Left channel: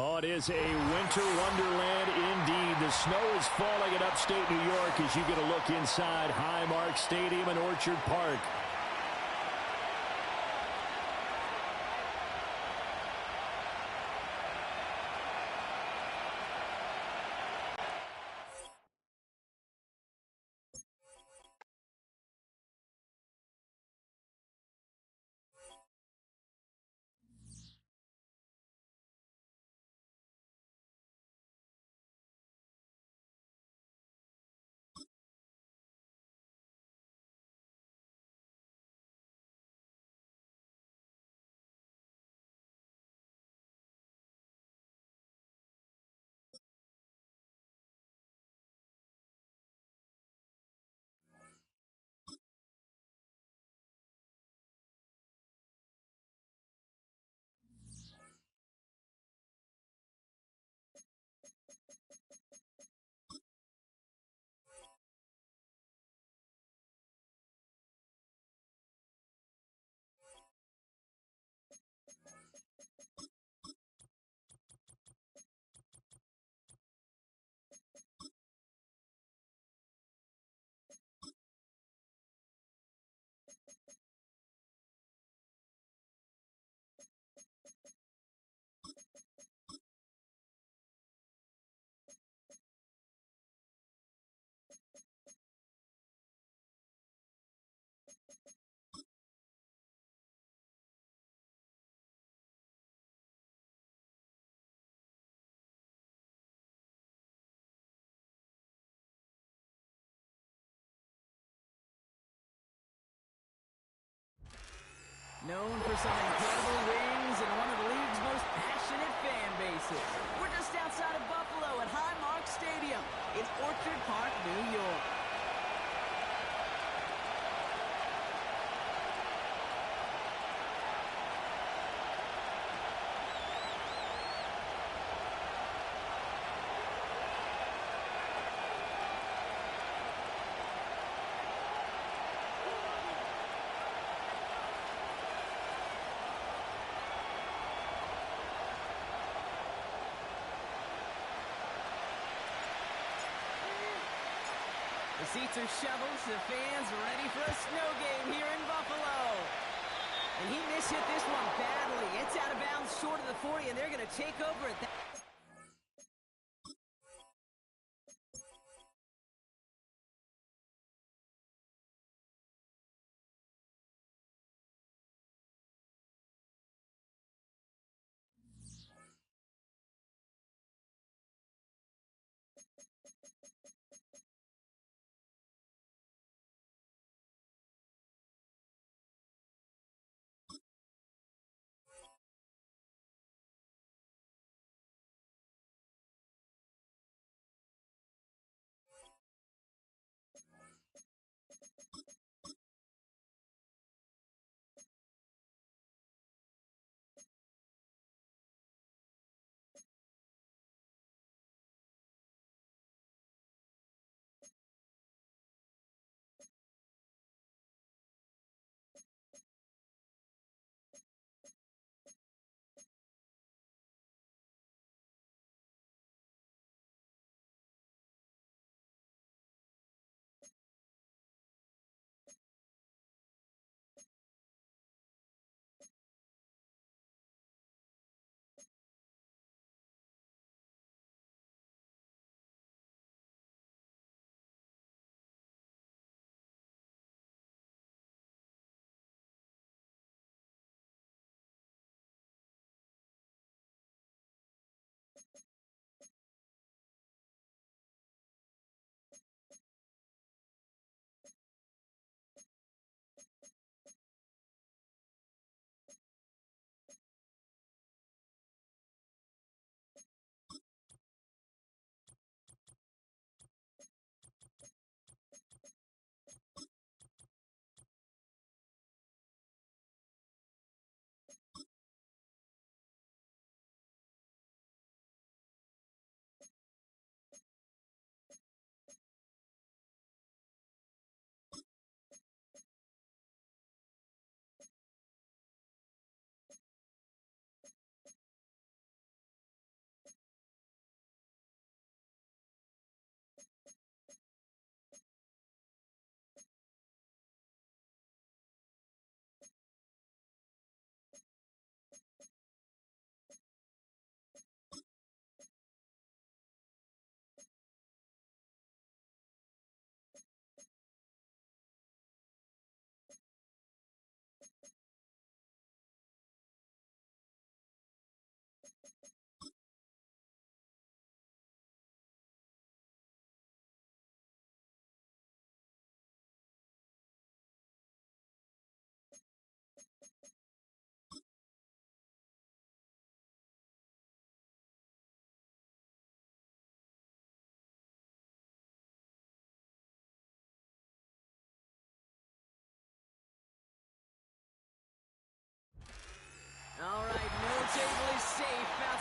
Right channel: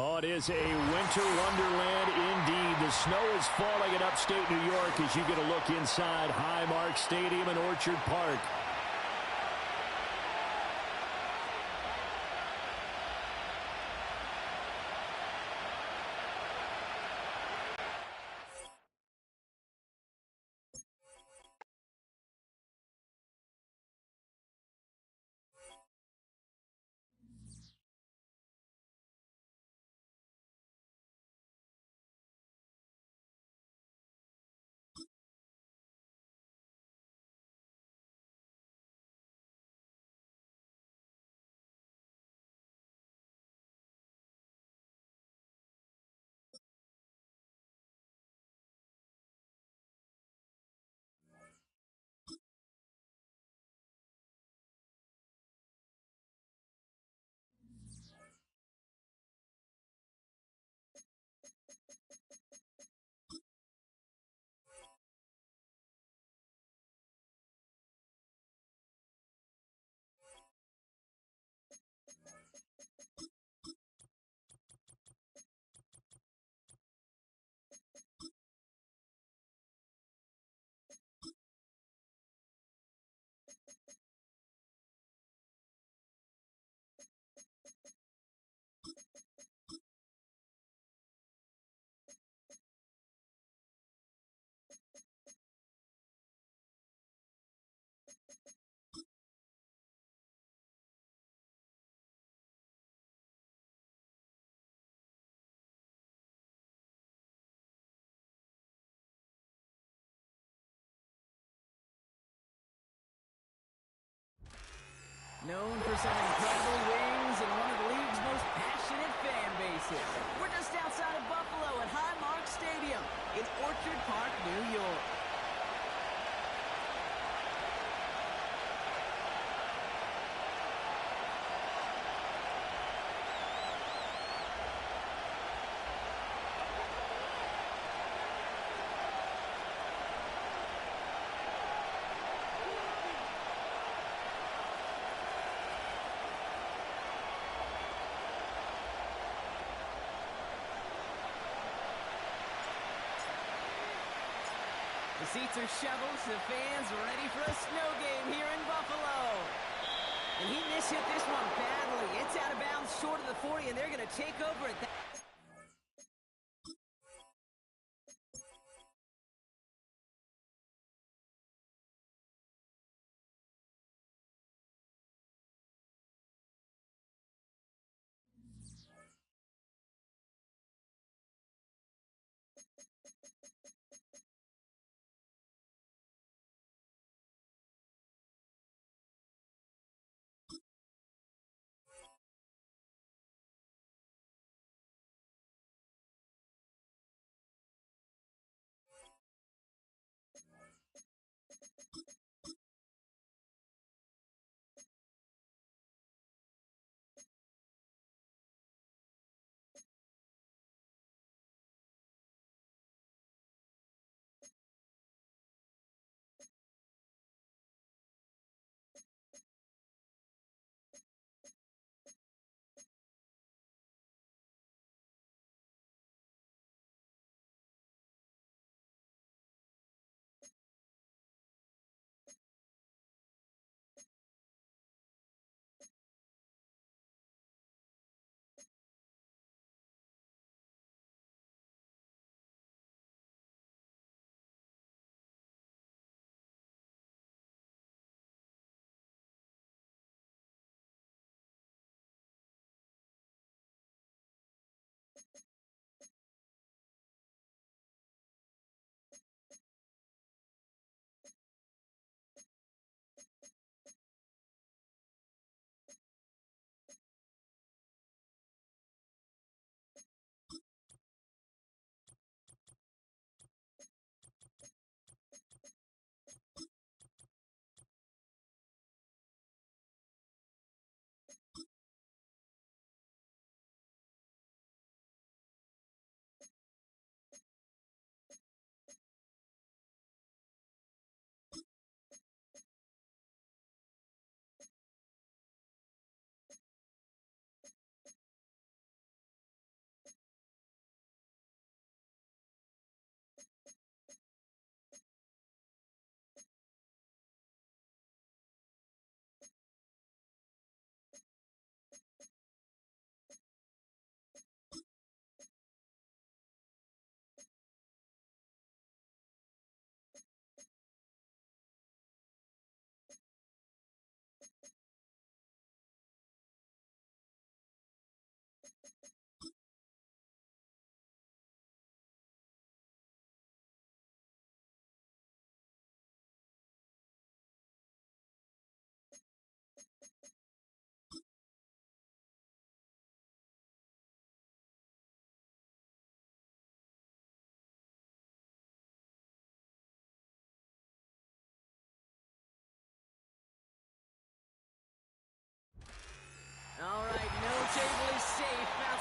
Oh, it is a winter wonderland indeed. The snow is falling in upstate New York as you get a look inside Highmark Stadium in Orchard Park. Known for some incredible wings and one of the league's most passionate fan bases. We're just outside of Buffalo at Highmark Stadium in Orchard Park, New York. The seats are shoveled, the fans ready for a snow game here in Buffalo. And he mishit this one badly. It's out of bounds short of the 40, and they're going to take over at that.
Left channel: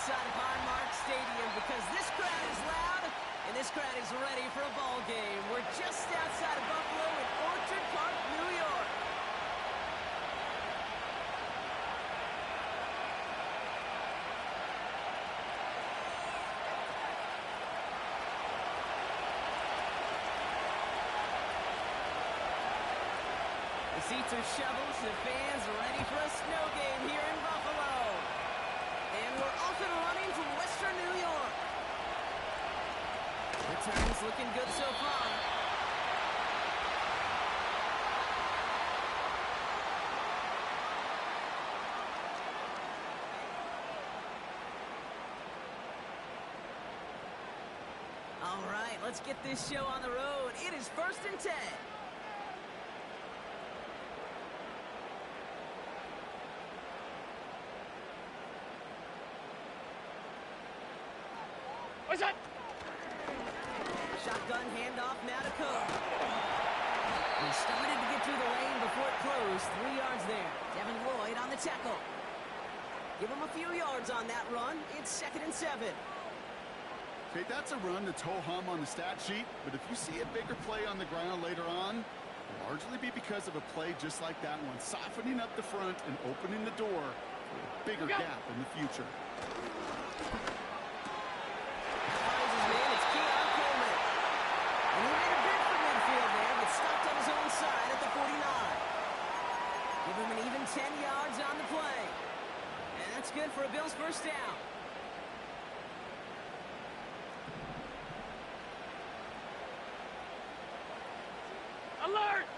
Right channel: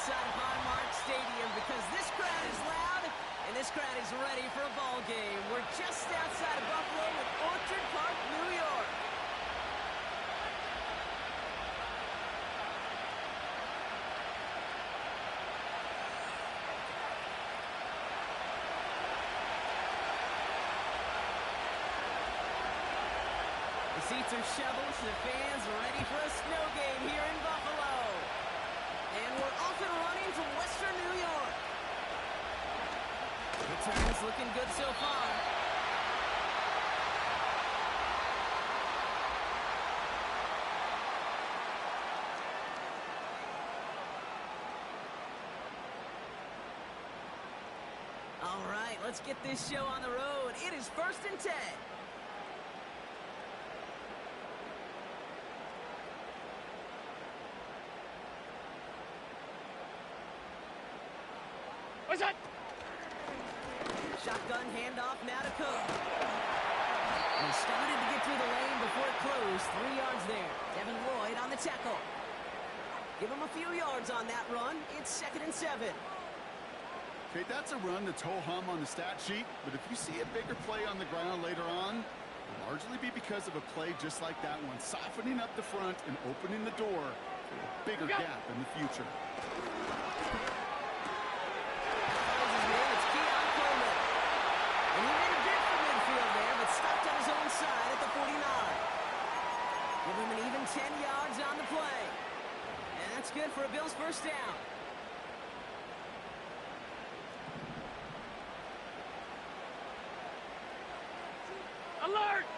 outside of Highmark Stadium because this crowd is loud and this crowd is ready for a ball game. We're just outside of Buffalo in Orchard Park, New York. The seats are shoveled, the fans are ready for a snow game here in Buffalo. And we're off and running from Western New York. Return's looking good so far. All right, let's get this show on the road. It is 1st and 10. What's that? Shotgun handoff now to Cook. He started to get through the lane before it closed. 3 yards there. Devin Lloyd on the tackle. Give him a few yards on that run. It's 2nd and 7. Okay, that's a run that's ho-hum on the stat sheet, but if you see a bigger play on the ground later on, it'll largely be because of a play just like that one, softening up the front and opening the door for a bigger gap in the future. And he made a bid for midfield there, but stopped on his own side at the 49. Give him an even 10 yards on the play. And that's good for a Bills first down. Alert!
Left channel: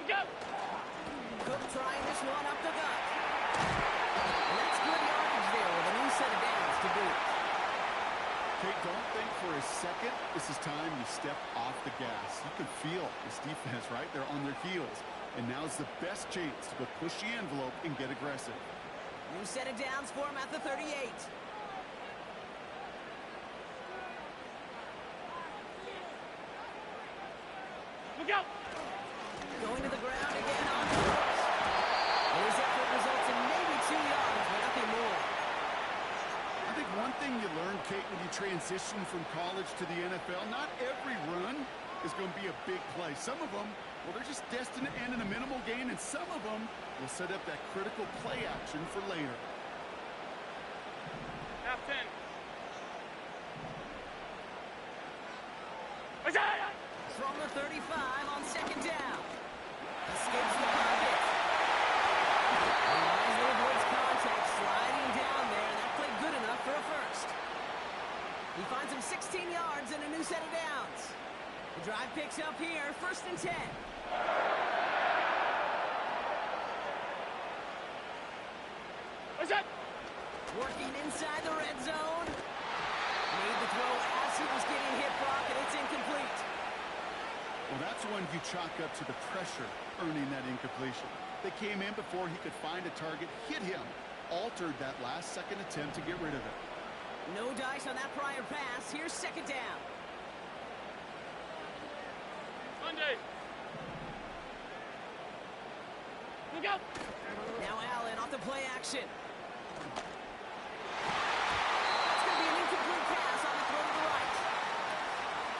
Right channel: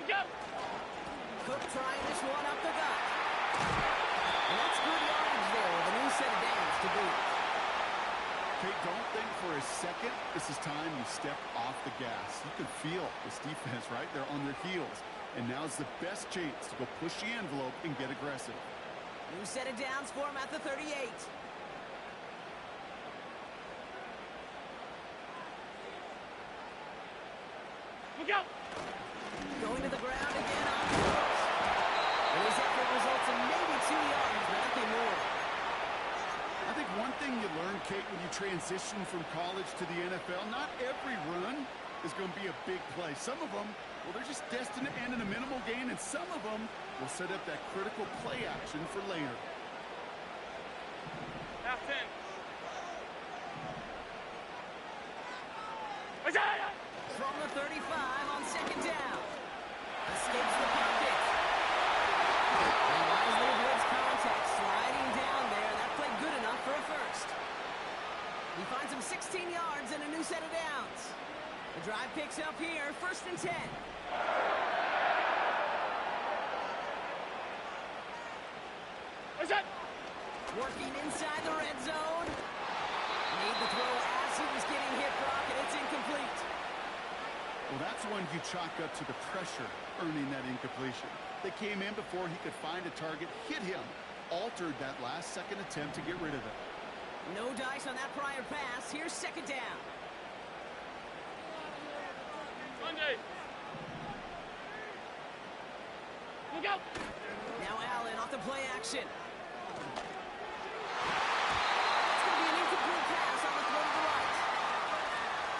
We go! Cook trying this one up the gut. And that's good yardage there with a new set of downs to boot. Okay, don't think for a second this is time you step off the gas. You can feel this defense right there on their heels. And now's the best chance to go push the envelope and get aggressive. New set of downs for him at the 38. Look out! Going to the ground again on fourth. And his effort results in maybe 2 yards, but nothing more. I think one thing you learn, Kate, when you transition from college to the NFL, not every run is going to be a big play. Some of them, well, they're just destined to end in a minimal gain, and some of them will set up that critical play action for later. Half 10. From the 35 on 2nd down. Escapes the pocket. And wisely avoids contact, sliding down there, and that played good enough for a first. He finds him 16 yards and a new set of downs. The drive picks up here, 1st and 10. What's that? Working inside the red zone. Made the throw as he was getting hit, Brock, and it's incomplete. Well, that's one you chalk up to the pressure earning that incompletion. They came in before he could find a target, hit him, altered that last-second attempt to get rid of it. No dice on that prior pass. Here's 2nd down. Monday. Look out! Now Allen off the play action. That's going to be an incomplete pass on the throw to the right.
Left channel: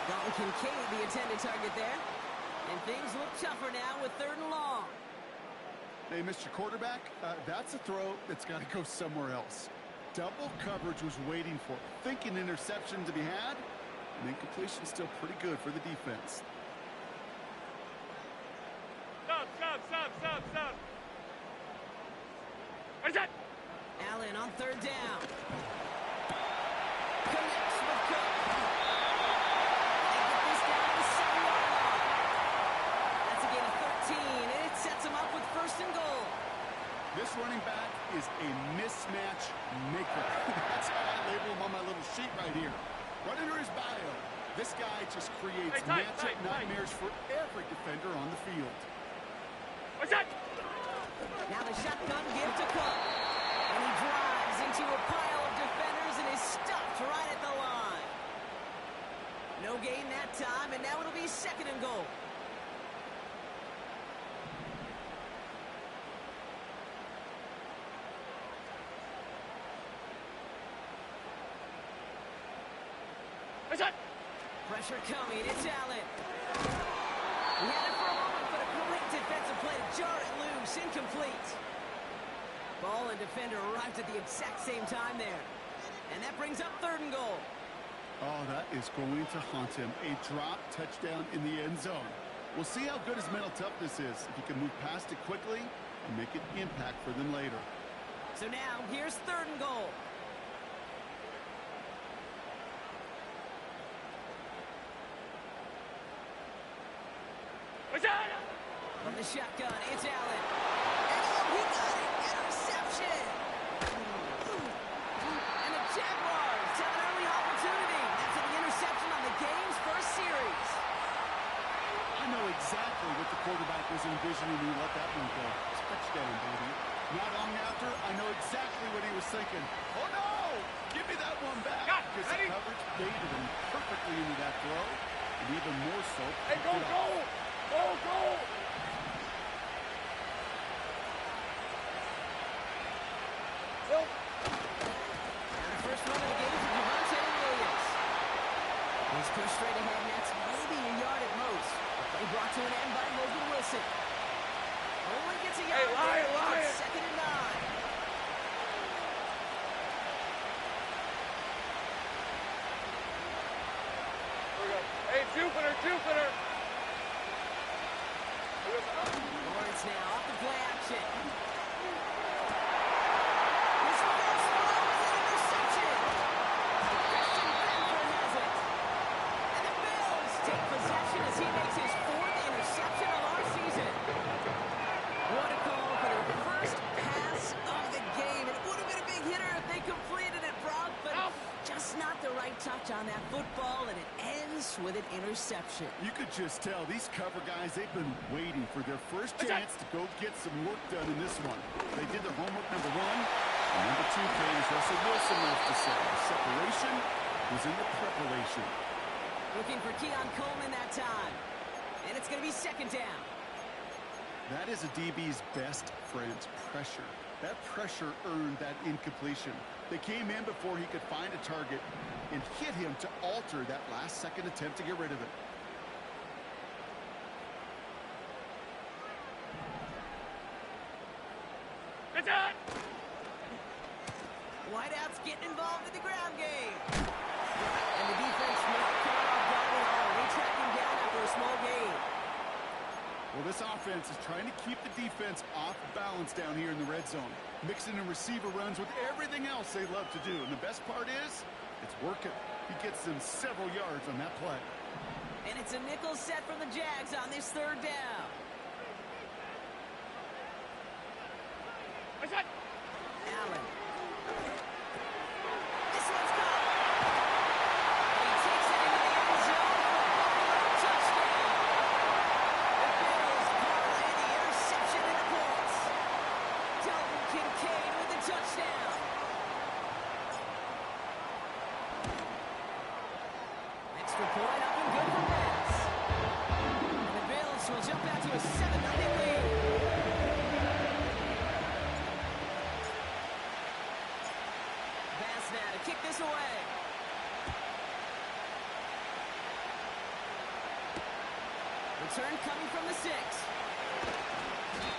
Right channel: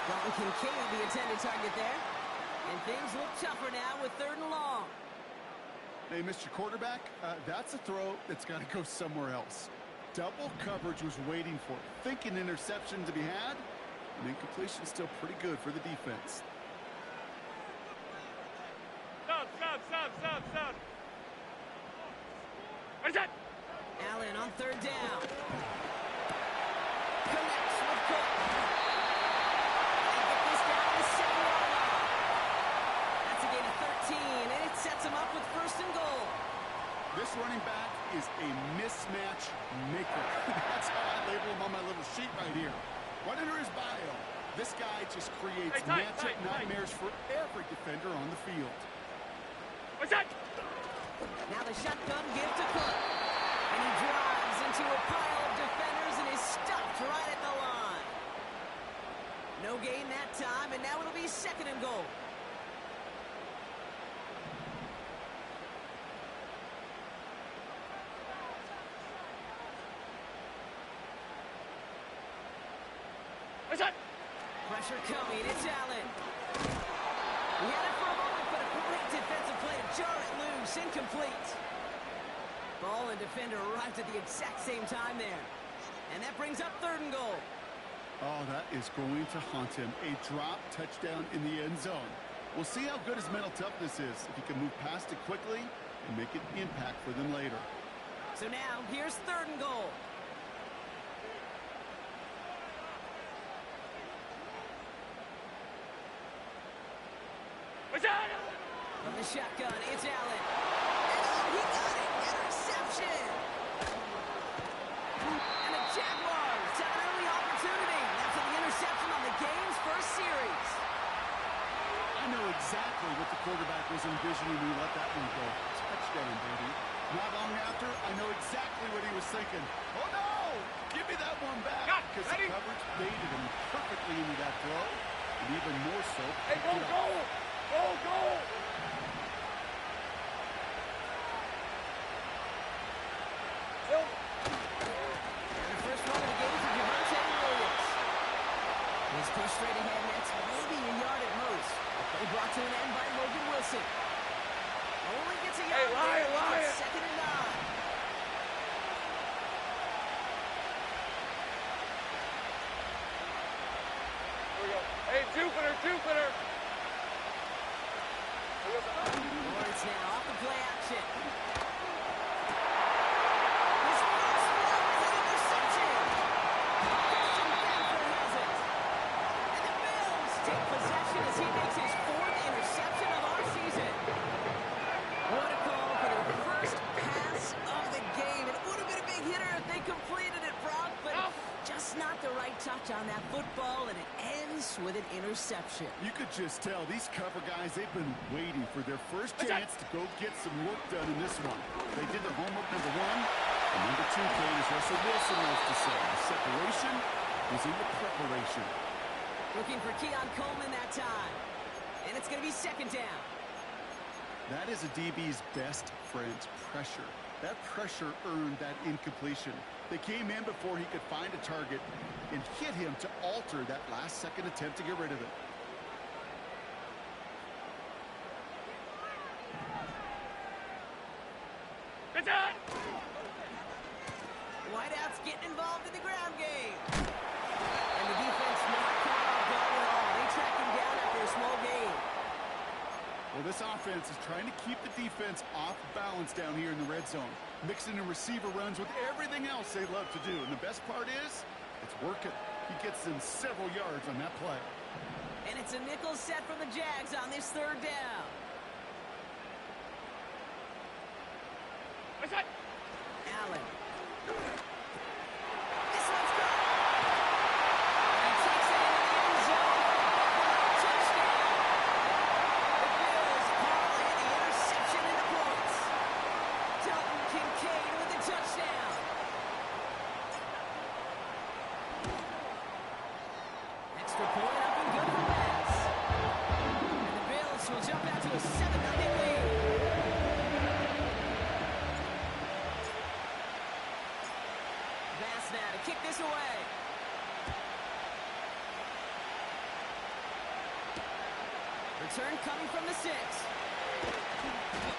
Dalton Kincaid, the intended target there. And things look tougher now with 3rd and long. Hey, Mr. Quarterback, that's a throw that's got to go somewhere else. Double coverage was waiting for it, thinking interception to be had, and incompletion still pretty good for the defense. Stop. What's that? Allen on 3rd down. Connects with Cook. They get this down to the 7-yard line. That's a gain of 13, and it sets him up with 1st and goal. This running back is a mismatch maker. That's how I label him on my little sheet right here. Right under his bio, this guy just creates matchup nightmares for every defender on the field. What's that? Now the shotgun give to Cook. And he drives into a pile of defenders and is stopped right at the line. No gain that time, and now it'll be 2nd and goal. What's that? Pressure coming. It's Allen. He had it for a moment, but a great defensive play to jar it loose. Incomplete. Ball and defender arrived at the exact same time there. And that brings up 3rd and goal. Oh, that is going to haunt him. A drop touchdown in the end zone. We'll see how good his mental toughness is, if he can move past it quickly and make an impact for them later. So now, here's 3rd and goal. What's that? From the shotgun, it's Allen. And oh, he got it! Interception! And the Jaguars have an early opportunity after the interception on the game's first series. I know exactly what the quarterback was envisioning when he let that one go. Touchdown, baby. Not long after, I know exactly what he was thinking. Oh, no! Give me that one back. Because the coverage baited him perfectly into that throw. And even more so, Hey, go, go! Go, go! Phil? And the first run of the game for Javonte Williams. He's pushed straight ahead, and that's maybe a yard at most. The play brought to an end by Logan Wilson. Only gets a yard. Hey, Lion! 2nd and 9. Here we go. Hey, Jupiter! Lawrence now off the play action. His first throw is an interception. Christian Benford has it. And the Bills take possession as he makes his 4th interception of our season. What a call for their first pass of the game. It would have been a big hitter if they completed it, Brock, but just not the right touch on that football, and it ends with an interception. You could just tell these cover guys, they've been waiting for their first chance to go get some work done in this one. They did their homework, number 1. And number 2 came, as Russell Wilson loves to say, the separation was in the preparation. Looking for Keon Coleman that time. And it's going to be 2nd down. That is a DB's best friend, pressure. That pressure earned that incompletion. They came in before he could find a target and hit him to alter that last-second attempt to get rid of it. What's that? Wideouts getting involved in the ground game. And the defense not caught off guard at all. They track him down after a small gain. Well, this offense is trying to keep the defense off balance down here in the red zone, mixing in receiver runs with everything else they love to do. And the best part is, it's working. He gets them several yards on that play. And it's a nickel set from the Jags on this 3rd down. What's that? Allen. This one's caught. And he takes it into the end zone for a Buffalo touchdown. The Bills parlay the interception into points. Dalton Kincaid with the touchdown. Extra point up and good for Bass. And the Bills will jump out to a 7-0 lead. Bass now to kick this away. Return coming from the 6.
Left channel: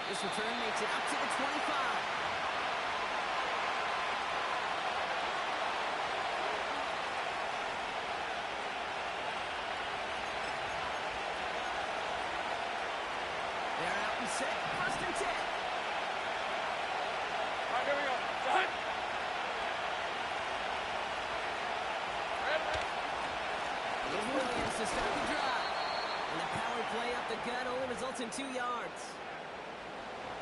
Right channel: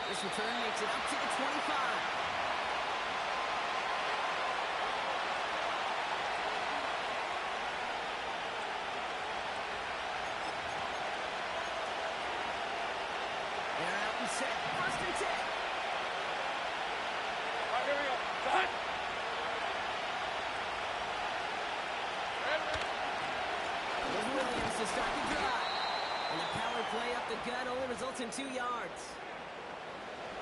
This return makes it up to the 25. They're out and set. 1st and 10. All right, here we go. Son! Here's Williams to start the drive. And the power play up the gut only results in 2 yards.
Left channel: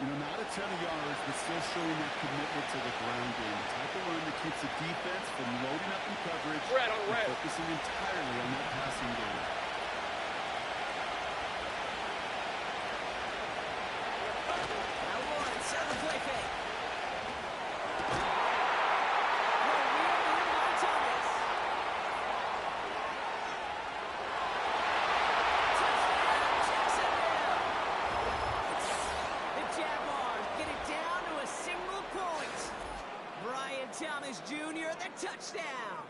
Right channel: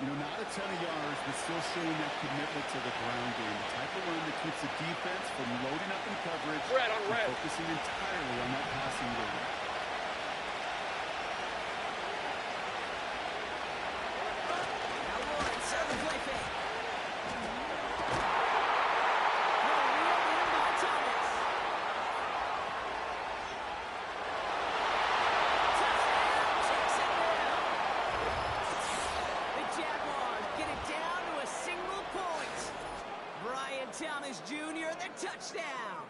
You know, not a ton of yards, but still showing that commitment to the ground game. The type of run that keeps the defense from loading up in coverage Red on red. and focusing entirely on that passing game. Now Lawrence out the play fake. Jaguars get it down to a single point. Brian Thomas Jr., the touchdown.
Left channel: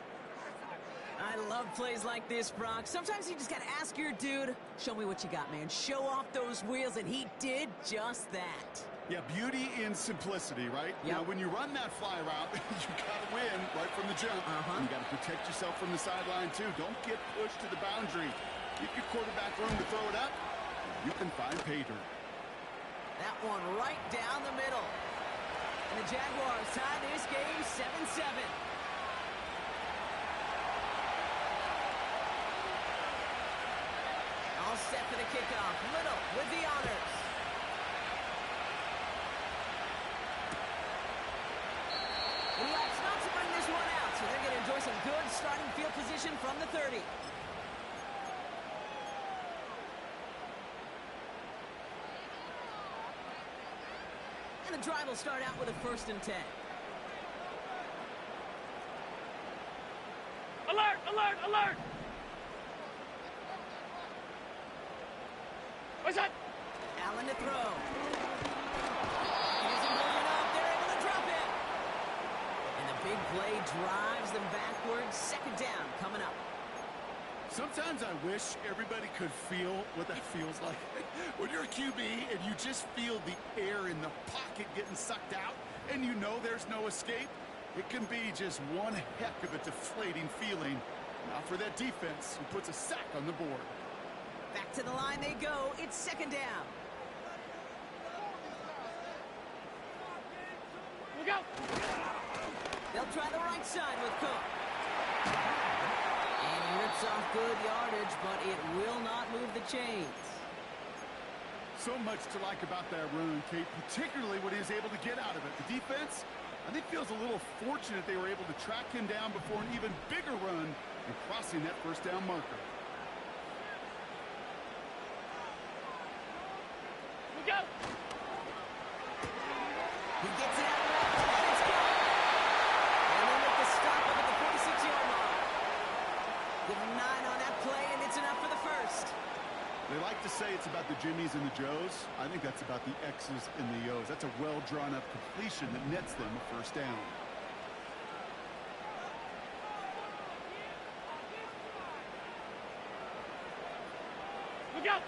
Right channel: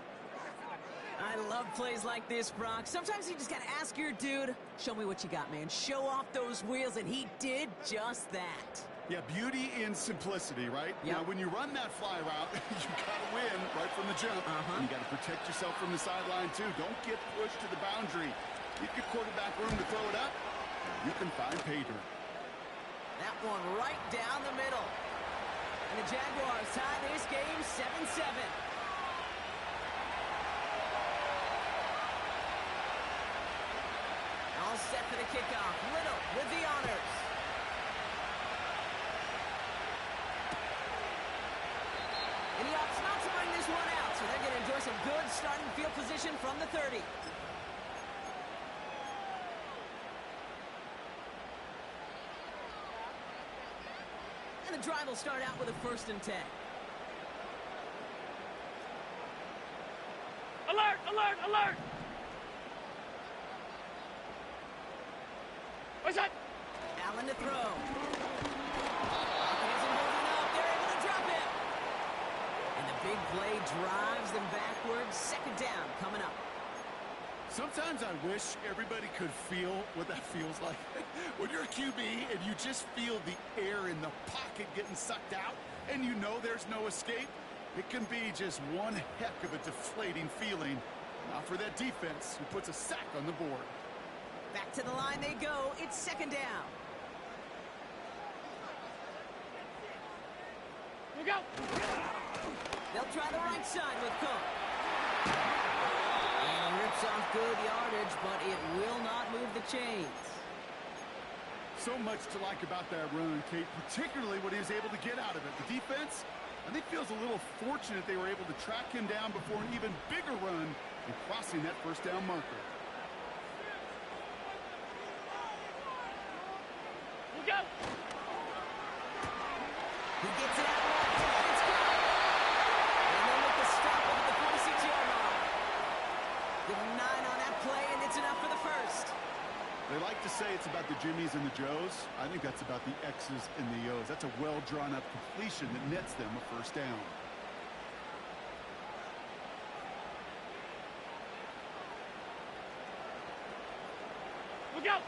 I love plays like this, Brock. Sometimes you just got to ask your dude, show me what you got, man. Show off those wheels, and he did just that. Yeah, beauty in simplicity, right? Yep. Now, when you run that fly route, you got to win right from the jump. And you got to protect yourself from the sideline, too. Don't get pushed to the boundary. Give your quarterback room to throw it up, and you can find pay dirt. That one right down the middle. And the Jaguars tie this game 7-7. All set for the kickoff. Little with the honors. And he opts not to bring this one out, so they're going to enjoy some good starting field position from the 30. And the drive will start out with a 1st and 10. Alert! Alert! Alert! What's that? Allen to throw. Pocket isn't moving up. They're able to drop it. And the big play drives them backwards. 2nd down coming up. Sometimes I wish everybody could feel what that feels like. When you're a QB and you just feel the air in the pocket getting sucked out and you know there's no escape, it can be just one heck of a deflating feeling. Not for that defense who puts a sack on the board. Back to the line they go. It's 2nd down. Look out! They'll try the right side with Cook. And he rips off good yardage, but it will not move the chains. So much to like about that run, Kate, particularly what he was able to get out of it. The defense, I think, feels a little fortunate they were able to track him down before an even bigger run and crossing that 1st down marker. Look out! He gets it out left, and it's gone. And they'll make the stop up at the 46-yard line. Give him 9 on that play, and it's enough for the 1st. They like to say it's about the Jimmies and the Joes. I think that's about the X's and the O's. That's a well-drawn-up completion that nets them a 1st down. Look out!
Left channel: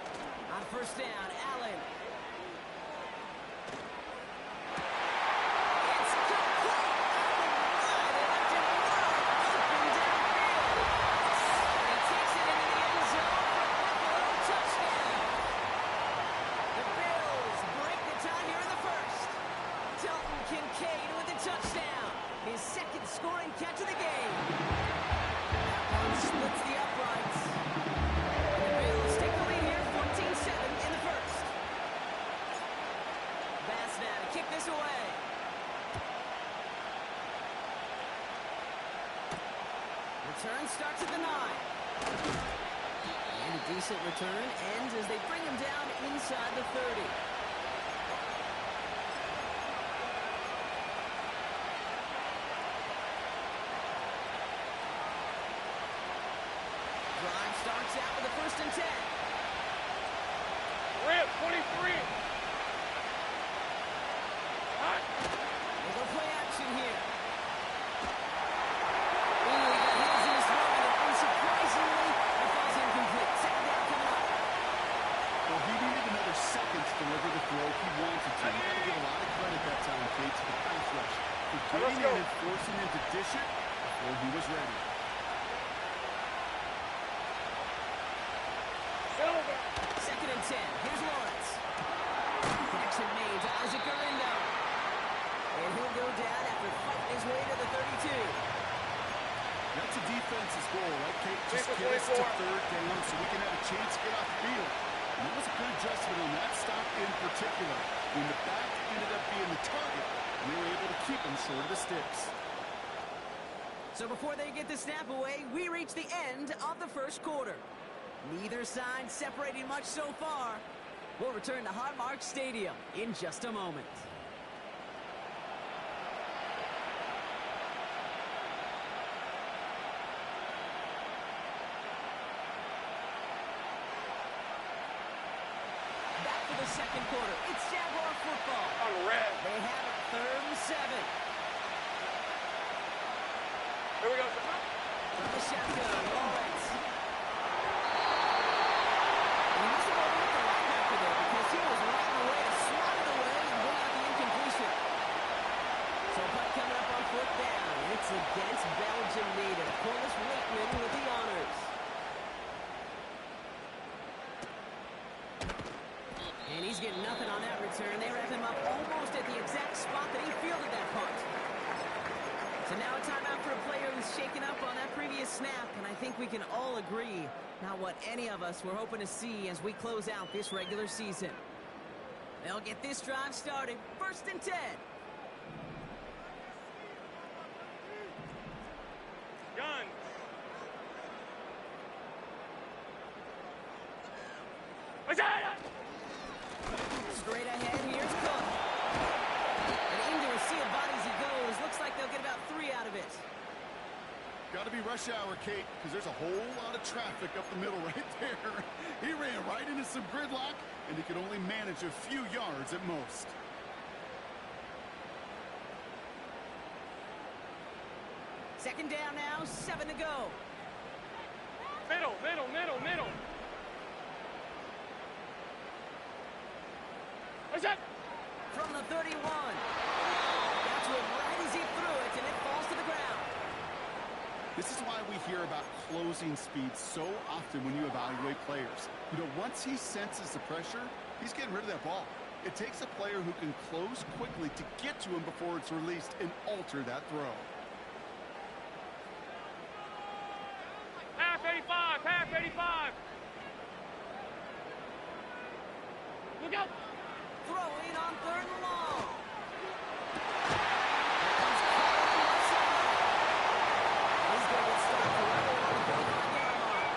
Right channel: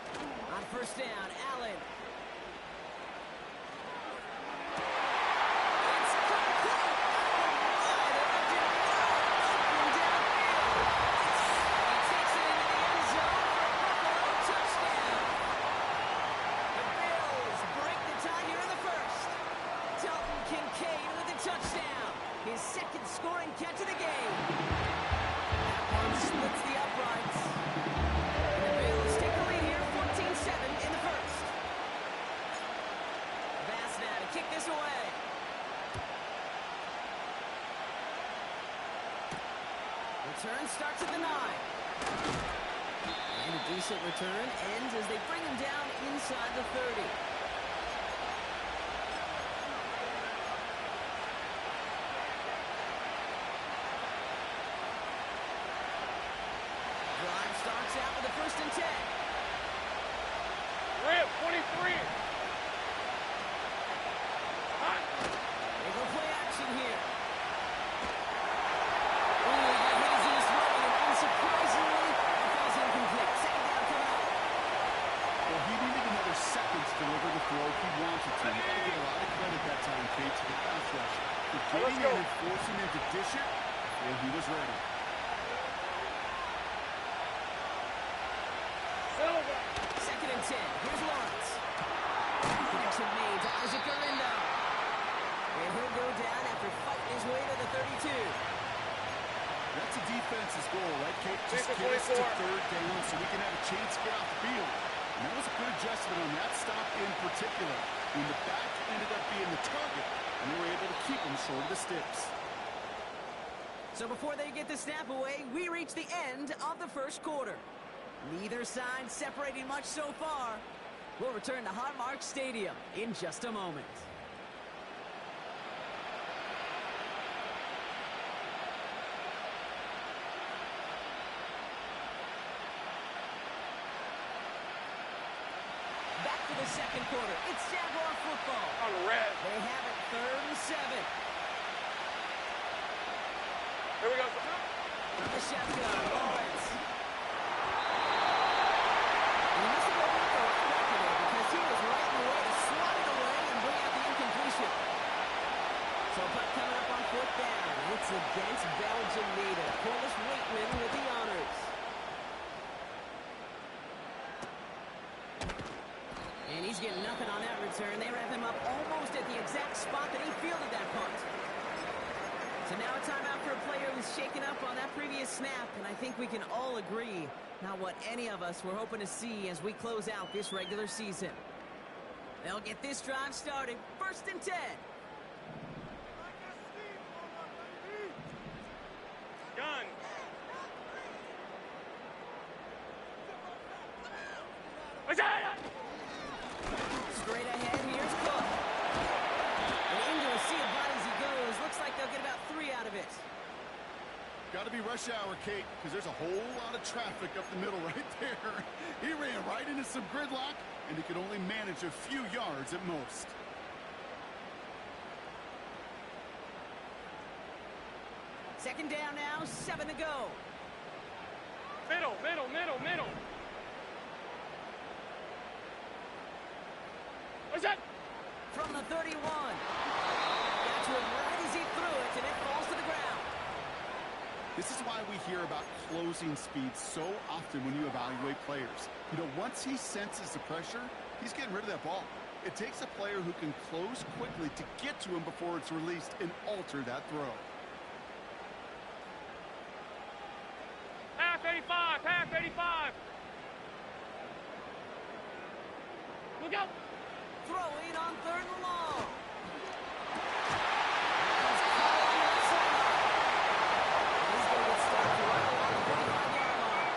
On 1st down, Allen. It's complete. Oh, my, they left him wide open downfield. And he takes it into the end zone for a Buffalo touchdown. The Bills break the tie here in the 1st. Dalton Kincaid with a touchdown. His 2nd scoring catch of the game. That one splits the uprights. The Bills take the lead here, 14-7 in the 1st. Bass now to kick this away. Return starts at the 9. And a decent return ends as they bring him down inside the 30. Drive starts out with a 1st and 10. Rip, 23! Hot! They go play action here. Ooh, he got hit as he was throwing, and unsurprisingly, it falls incomplete. 2nd down coming up. Well, he needed another second to deliver the throw he wanted to. You got to give a lot of credit that time, Kate, to the pass rush for getting in and forcing him to dish it before he was ready. Silver! 2nd and 10. Here's Lawrence. Connection made to Isaac Garindo. And he'll go down after fighting his way to the 32. That's a defense's goal, right, Kate? Just Defense get us to 24. 3rd down so we can have a chance to get off the field. And that was a good adjustment on that stop in particular, when the back ended up being the target, and they were able to keep him short of the sticks. So before they get the snap away, we reach the end of the 1st quarter. Neither side separating much so far. We'll return to Highmark Stadium in just a moment. Back for the 2nd quarter. It's Jaguar football. On red. They have it 3rd and 7. Here we go. From the shotgun, Lawrence. And he must have overlooked the linebacker there because he was right in the way to swat it away and bring out the incompletion. So a punt coming up on 4th down. It's against Belgium native Corliss Waitman with the honors. And he's getting nothing on that return. They wrap him up almost at the exact spot that he fielded that punt. So now a timeout for a player who's shaken up on that previous snap, and I think we can all agree, not what any of us were hoping to see as we close out this regular season. They'll get this drive started. 1st and 10. Gun. Straight ahead, here's Cook. And into a sea of bodies he goes. Looks like they'll get about 3 out of it. Got to be rush hour, Kate, because there's a whole lot of traffic up the middle right there. He ran right into some gridlock, and he could only manage a few yards at most. Second down now, 7 to go. Middle, middle, middle, middle. What's that? From the 31. Got to him right as he threw it, and it falls to the ground. This is why we hear about closing speed so often when you evaluate players. You know, once he senses the pressure, he's getting rid of that ball. It takes a player who can close quickly to get to him before it's released and alter that throw. Half 85, half 85. Look out. Throwing on 3rd and long. He's caught on the left sideline. And he's going to get stopped right along the 45-yard mark.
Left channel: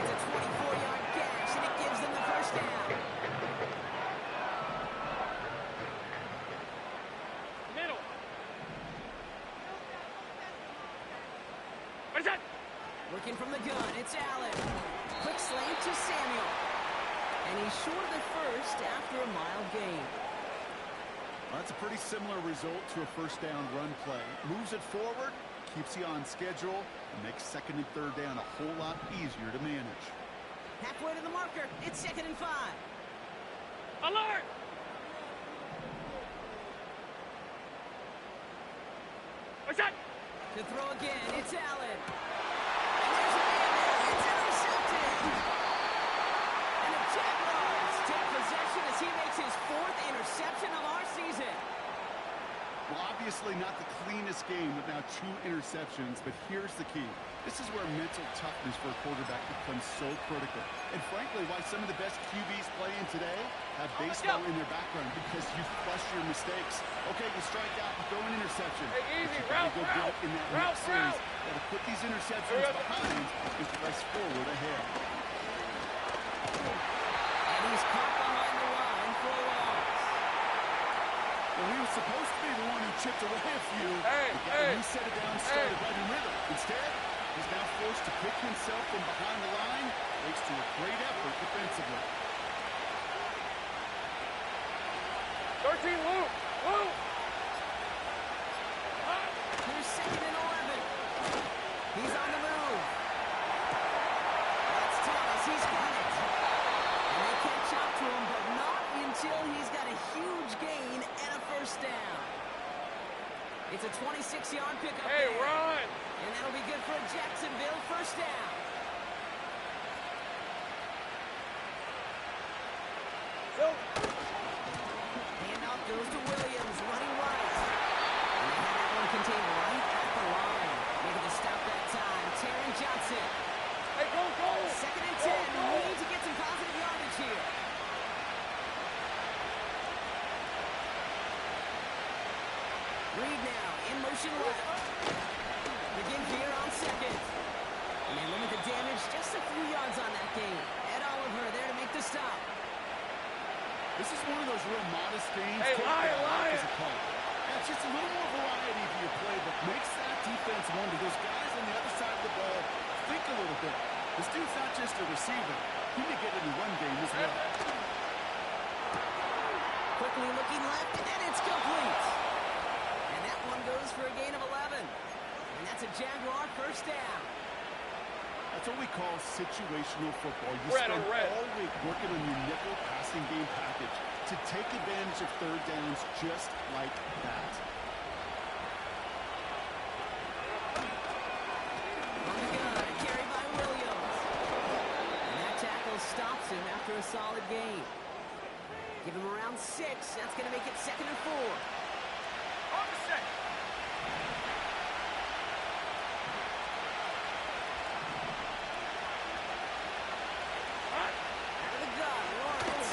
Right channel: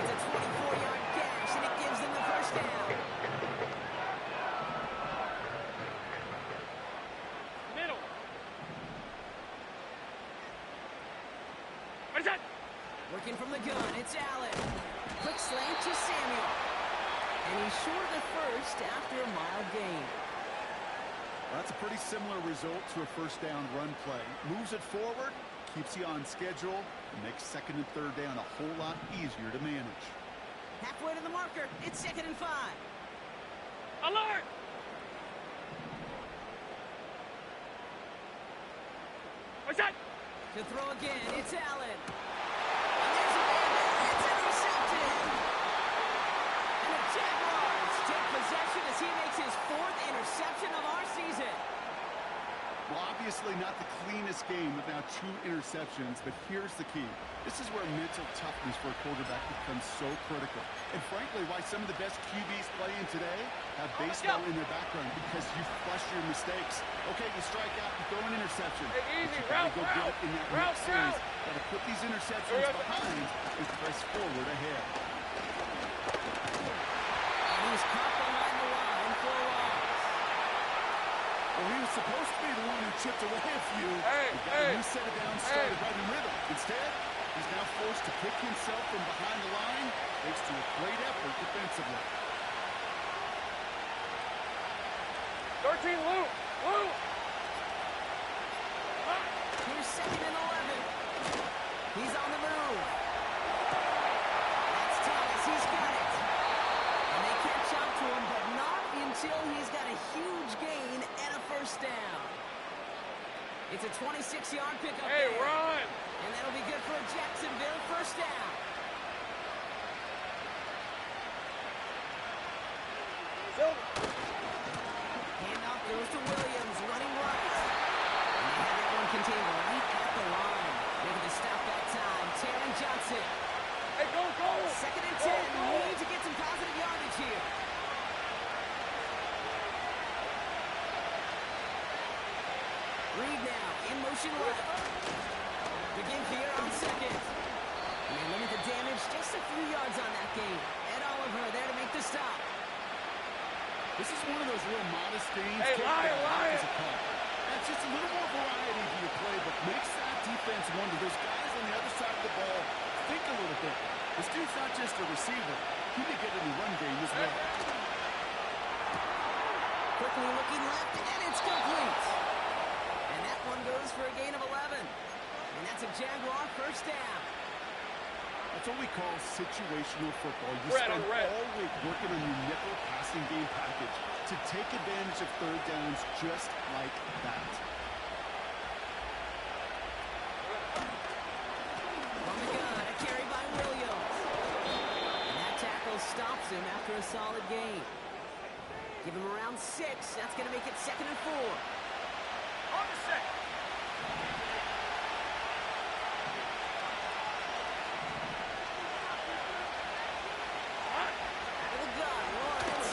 It's a 24-yard gash, and it gives them the 1st down. Middle. What is that? Working from the gun, it's Allen. Quick slant to Samuel. And he's short of the 1st after a mild gain. Well, that's a pretty similar result to a 1st down run play. Moves it forward, keeps you on schedule, and makes 2nd and 3rd down a whole lot easier to manage. Halfway to the marker, it's 2nd and 5. Alert! What's that? To throw again, it's Allen. And there's a man there. It's intercepted. And the Jaguars take possession as he makes his 4th interception of our season. Well, obviously not the cleanest game with now 2 interceptions, but here's the key. This is where mental toughness for a quarterback becomes so critical. And frankly, why some of the best QBs playing today have baseball in their background, because you flush your mistakes. Okay, you strike out, you throw an interception. Hey, easy, but you gotta go route, get it in that route, next series. Gotta put these interceptions behind and press forward ahead. And he's caught behind the line for a loss. Well, he was supposed to be the one who chipped away a few. Hey, He got a new set of downs, started right in rhythm. Instead, he's now forced to pick himself from behind the line, thanks to a great effort defensively. 13, Luke. Luke. Here's 2nd and 11. He's on the move. That's Thomas. He's got it. And they catch up to him, but not until he's got a huge gain and a 1st down. It's a 26-yard pickup Hey, there. run. And that'll be good for a Jacksonville 1st down. Handoff goes to Williams, running right. And they have that one contained right at the line. Making the stop that time, Taron Johnson. Hey, go, go. 2nd and 10. Go. Need to get some positive yardage here. Reed now in motion left. Begins here on 2nd. And they limit the damage, just a few yards on that gain. Ed Oliver there to make the stop. This is one of those real modest gains. Hey, Lion. As a call. That's just a little more variety to your playbook. Makes that defense wonder. Those guys on the other side of the ball think a little bit. This dude's not just a receiver. He may get in the run game as well. Quickly looking left, and it's complete. And that one goes for a gain of 11. And that's a Jaguar first down. That's what we call situational football. You Red spend on red. all week working on your nickel passing game package to take advantage of third downs just like that. On the gun, a carry by Williams. And that tackle stops him after a solid gain. Give him around 6. That's going to make it 2nd and 4. On the set. Out of the gun, Lawrence.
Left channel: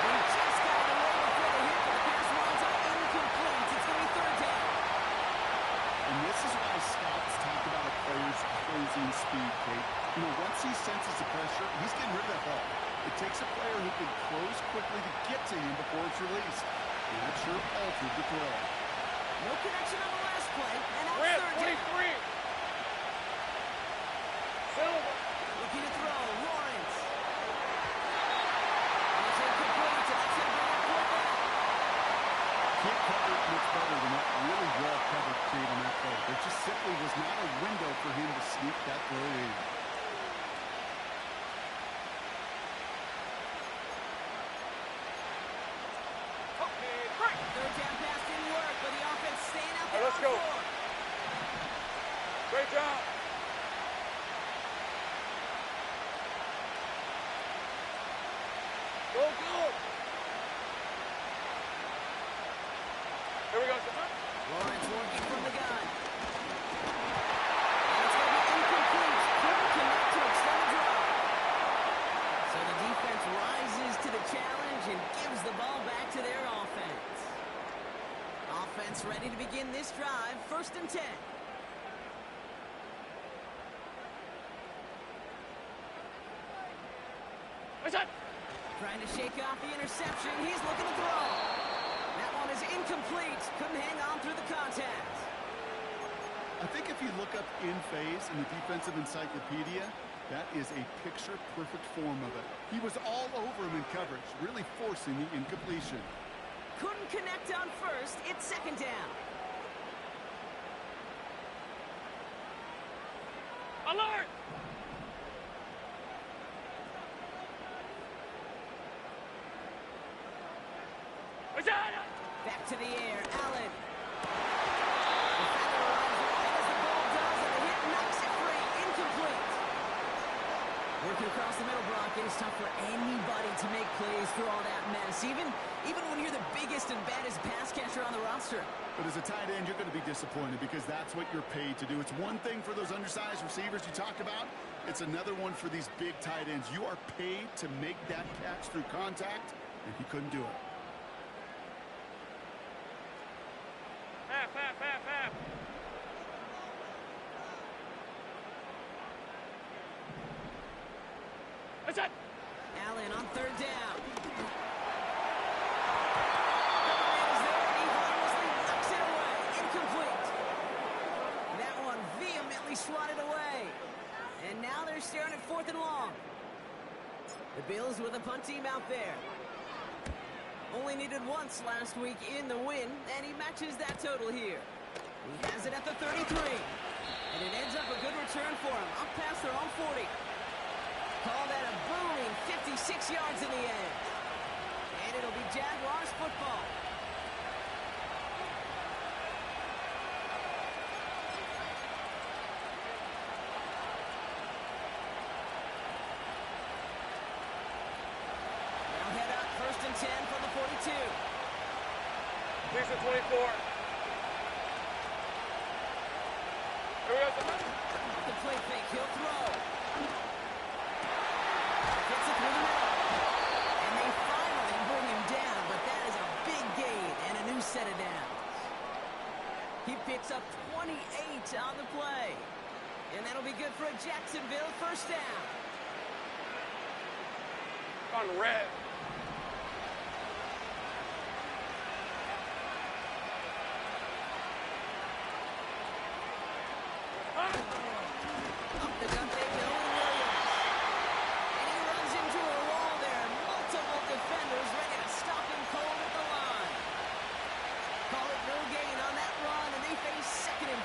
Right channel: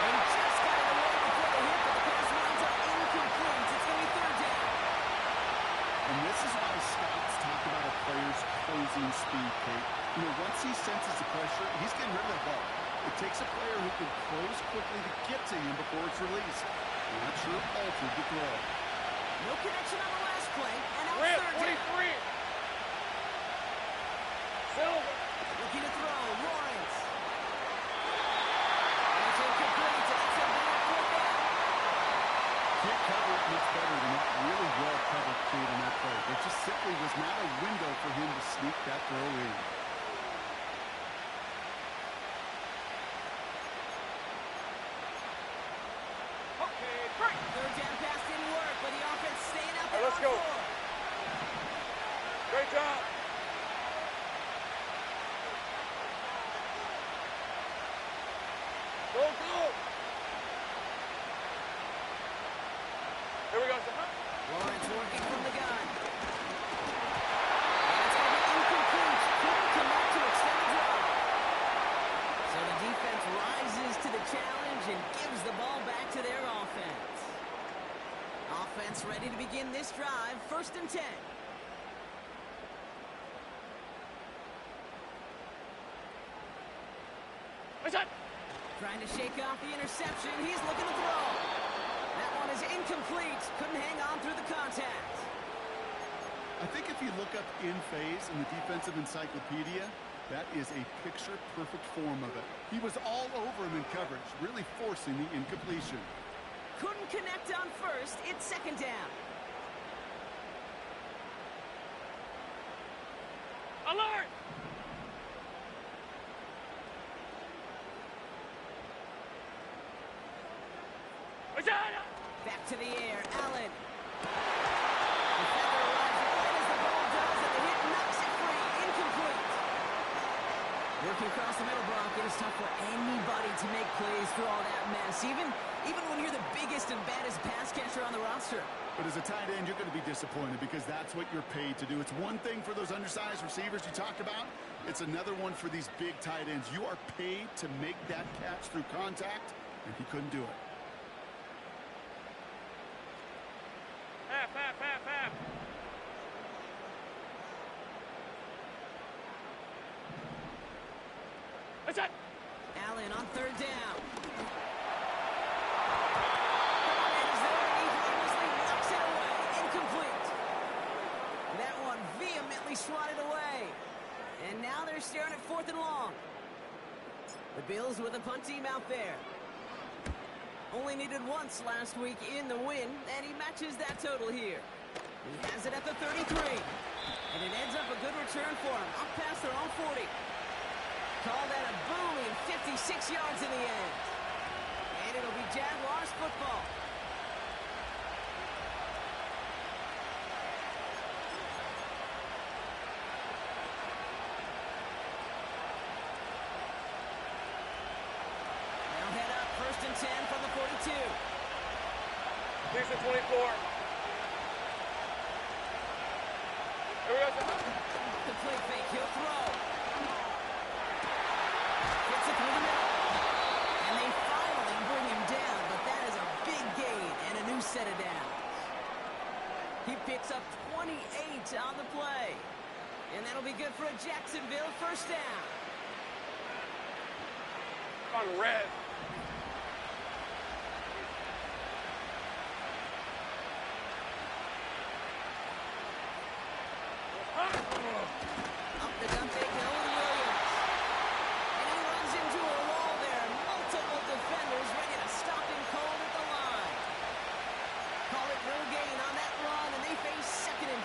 He just got it away before the hit, but the pass winds up incomplete. It's going to be 3rd down. And this is why scouts talk about a player's closing speed, Kate. You know, once he senses the pressure, he's getting rid of that ball. It takes a player who can close quickly to get to him before it's released. And that sure altered the throw. No connection on the last play, and now Red 3rd down. 23. Silver. Looking to throw, Lawrence. And it's incomplete, so that's going to bring up 4th down. Can't cover it much better than that really well-covered Kate on that play. There just simply was not a window for him to sneak that throw in. Okay, break. 3rd down pass didn't work, but the offense staying out there Let's on go. 4. Great job. Go, go. Here we go, son. Lawrence working from the gun. And it's going to be incomplete. Couldn't connect to extend the drive. So the defense rises to the challenge and gives the ball back to their offense. Offense ready to begin this drive. 1st and 10. What's that? Trying to shake off the interception. He's looking to throw. That one is incomplete. Couldn't hang on through the contact. I think if you look up in phase in the defensive encyclopedia, that is a picture-perfect form of it. He was all over him in coverage, really forcing the incompletion. Couldn't connect on 1st. It's 2nd down. Alert! What's that? Back to the air. Allen. Defender arrives right as the ball does, and the hit knocks it free. Incomplete. Working across the middle, Brock, it is tough for anybody to make plays through all that mess, even when you're the biggest and baddest pass catcher on the roster. But as a tight end, you're going to be disappointed because that's what you're paid to do. It's one thing for those undersized receivers you talked about. It's another one for these big tight ends. You are paid to make that catch through contact, and he couldn't do it. Half, half, half, half. What's that? Allen on 3rd down. Man is there, and he harmlessly knocks it away. Incomplete. That one vehemently swatted away. And now they're staring at 4th and long. The Bills with a punt team out there. Only needed once last week in the win, and he matches that total here. He has it at the 33. And it ends up a good return for him, up past their own 40. Call that a booming 56 yards in the end. And it'll be Jaguars football. They'll head up 1st and 10 from the 42. Please for 24. Here we go, son. The play fake, he'll throw. Gets it through the middle. And they finally bring him down, but that is a big gain and a new set of downs. He picks up 28 on the play. And that'll be good for a Jacksonville 1st down. On red. Up the gun fake, no, with Williams. And he runs into a wall there. Multiple defenders ready to stop him cold at the line. Call it no gain on that run, and they face 2nd and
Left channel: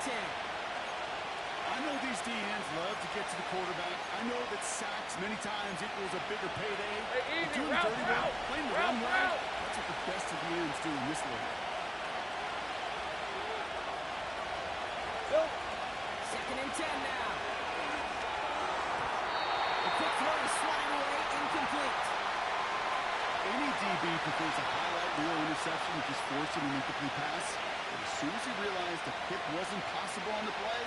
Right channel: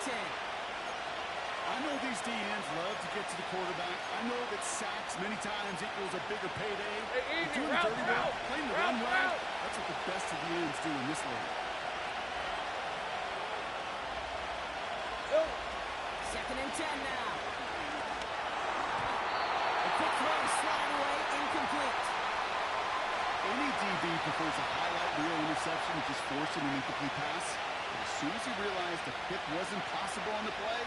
deserves a bigger payday. Hey, easy, Doing the route, dirty work, route, playing the route, run well, route. that's what the best of the ends do in this league. Silver. 2nd and 10 now. The quick throw is swatted away, incomplete. Any DB prefers a highlight reel interception to just forcing an incomplete pass. But as soon as he realized a pick wasn't possible on the play,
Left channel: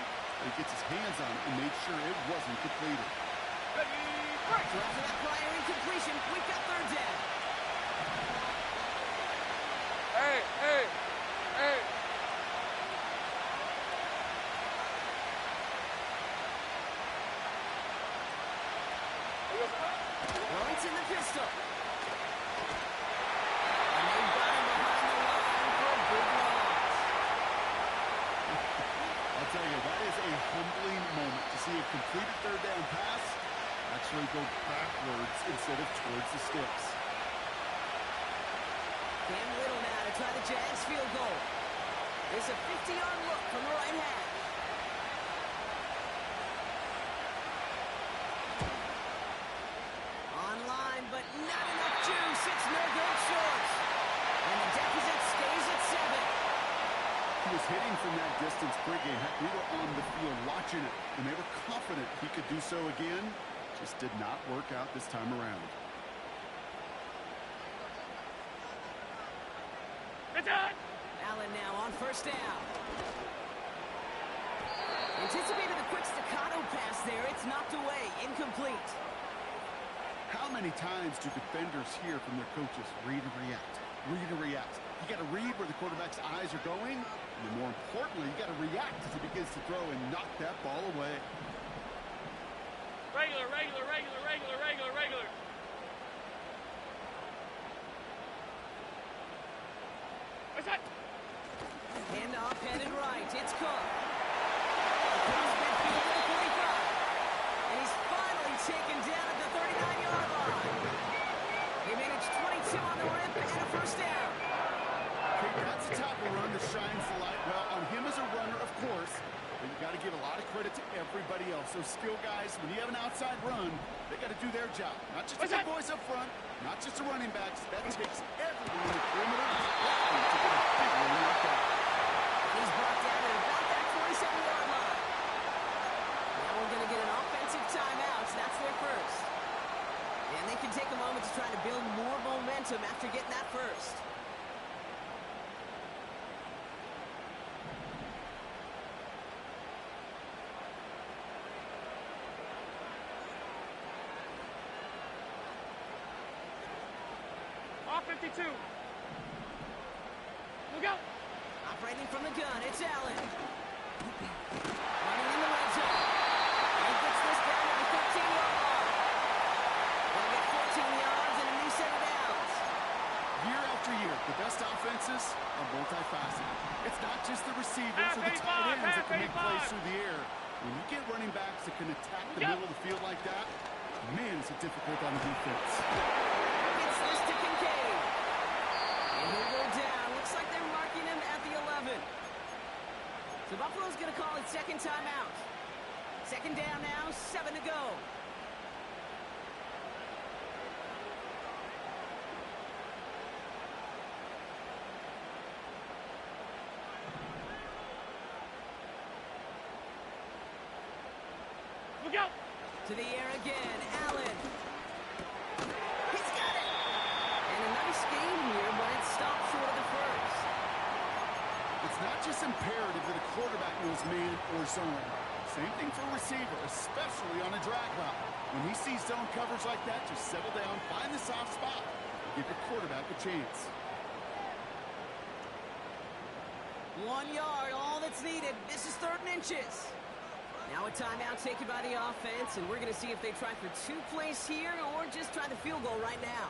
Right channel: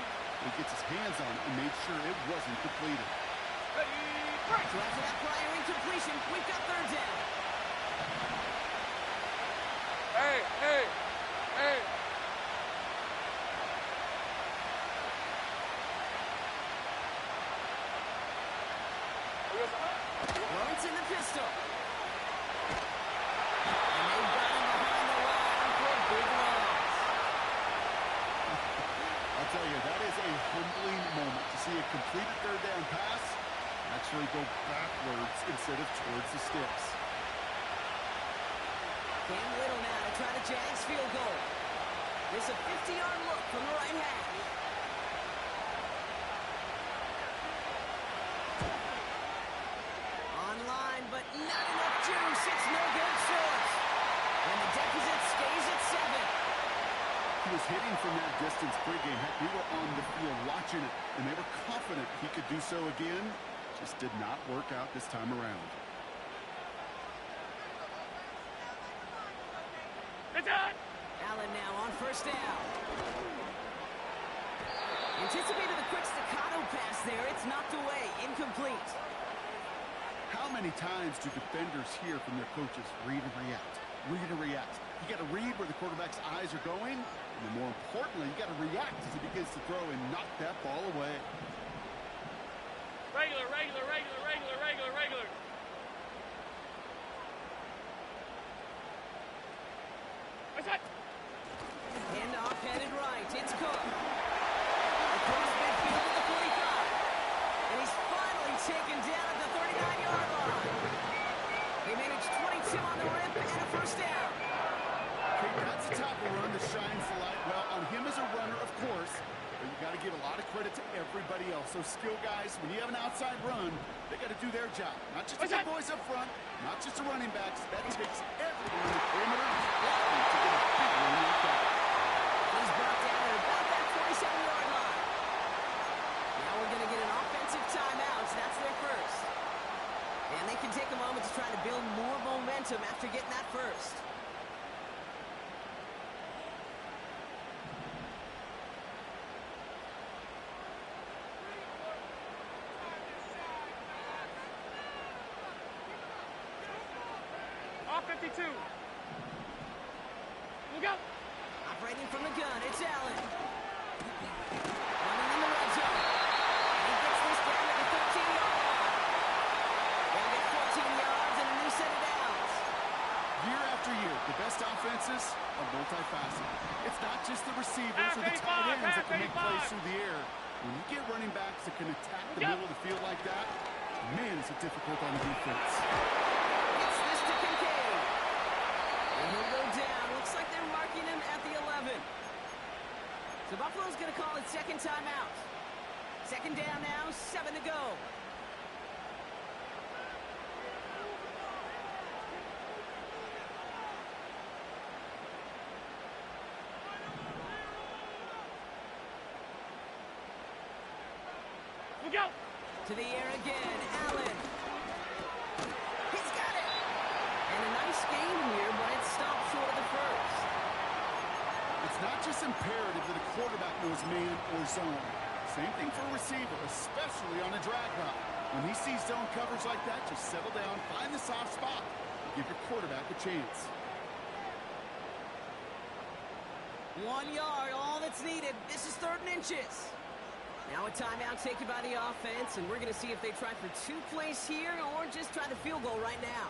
he gets his hands on it and made sure it wasn't completed. Ready, break. So after that prior incompletion, we've got 3rd down. Hey, hey, hey. Lawrence in the pistol. And they've got him behind the line for a big loss. I'll tell you, that is a humbling moment to see a completed 3rd down pass actually go backwards instead of towards the sticks. Cam Little now to try the Jags field goal. There's a 50-yard look from the right hash. Online, but not enough juice. It's no good short. And the deficit stays at 7. He was hitting from that distance pregame. Heck, we were on the field watching it, and they were confident he could do so again. Just did not work out this time around. It's on. Allen now on 1st down. Anticipated a quick staccato pass there. It's knocked away. Incomplete. How many times do defenders hear from their coaches, read and react, read and react? You got to read where the quarterback's eyes are going, and then more importantly, you got to react as he begins to throw and knock that ball away. Regular, regular, regular, regular, regular, regular. What's that? Handoff headed right. It's Cook. Across midfield to the 45. And he's finally taken down at the 39-yard line. They managed 22 on the rip and a 1st down. Okay, that's the type of run that shines the light. Well, on him as a runner, of course, but you got to give a lot of credit to everybody else. Those skill guys, when you have an outside run, they got to do their job. Not just the big boys up front, not just the running backs. That takes everyone in the perimeter to get a big run like that. And he's brought down at about that 27-yard line. Now we're going to get an offensive timeout. So that's their first. And they can take a moment to try to build more momentum after getting that first. Off 52. Look out. Operating from the gun, it's Allen. Running in the red zone. And he gets this down at the 13-yard line. They'll get 14 yards and a new set of downs. Year after year, the best offenses are multifaceted. It's not just the receivers or the tight ends that can make plays through the air. When you get running backs that can attack the middle of the field like that, man, is it difficult on defense. Gets this to Kincaid. And he'll go down. Looks like they're marking him at the 11. So Buffalo's going to call it 2nd timeout. 2nd down now, 7 to go. Look out. To the air again, Allen. He's got it. And a nice game here, but it stopped short of the first. It's not just imperative that a quarterback knows man or zone. Same thing for a receiver, especially on a drag route. When he sees zone coverage like that, just settle down, find the soft spot, and give your quarterback a chance. 1 yard, all that's needed. This is 3rd and inches. Now a timeout taken by the offense, and we're going to see if they try for 2 plays here or just try the field goal right now.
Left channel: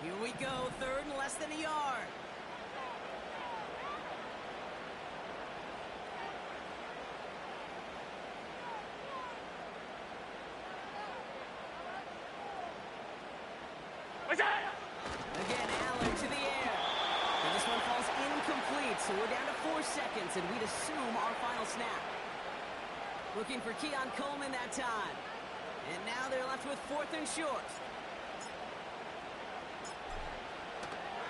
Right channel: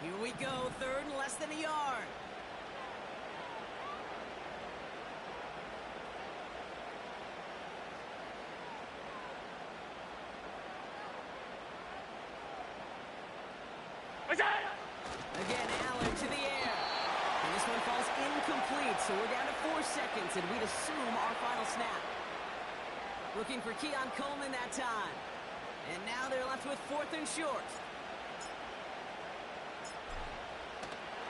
Here we go, 3rd and less than a yard. What's Again, Allen to the air. And this one falls incomplete, so we're down to 4 seconds, and we'd assume our final snap. Looking for Keon Coleman that time. And now they're left with 4th and short.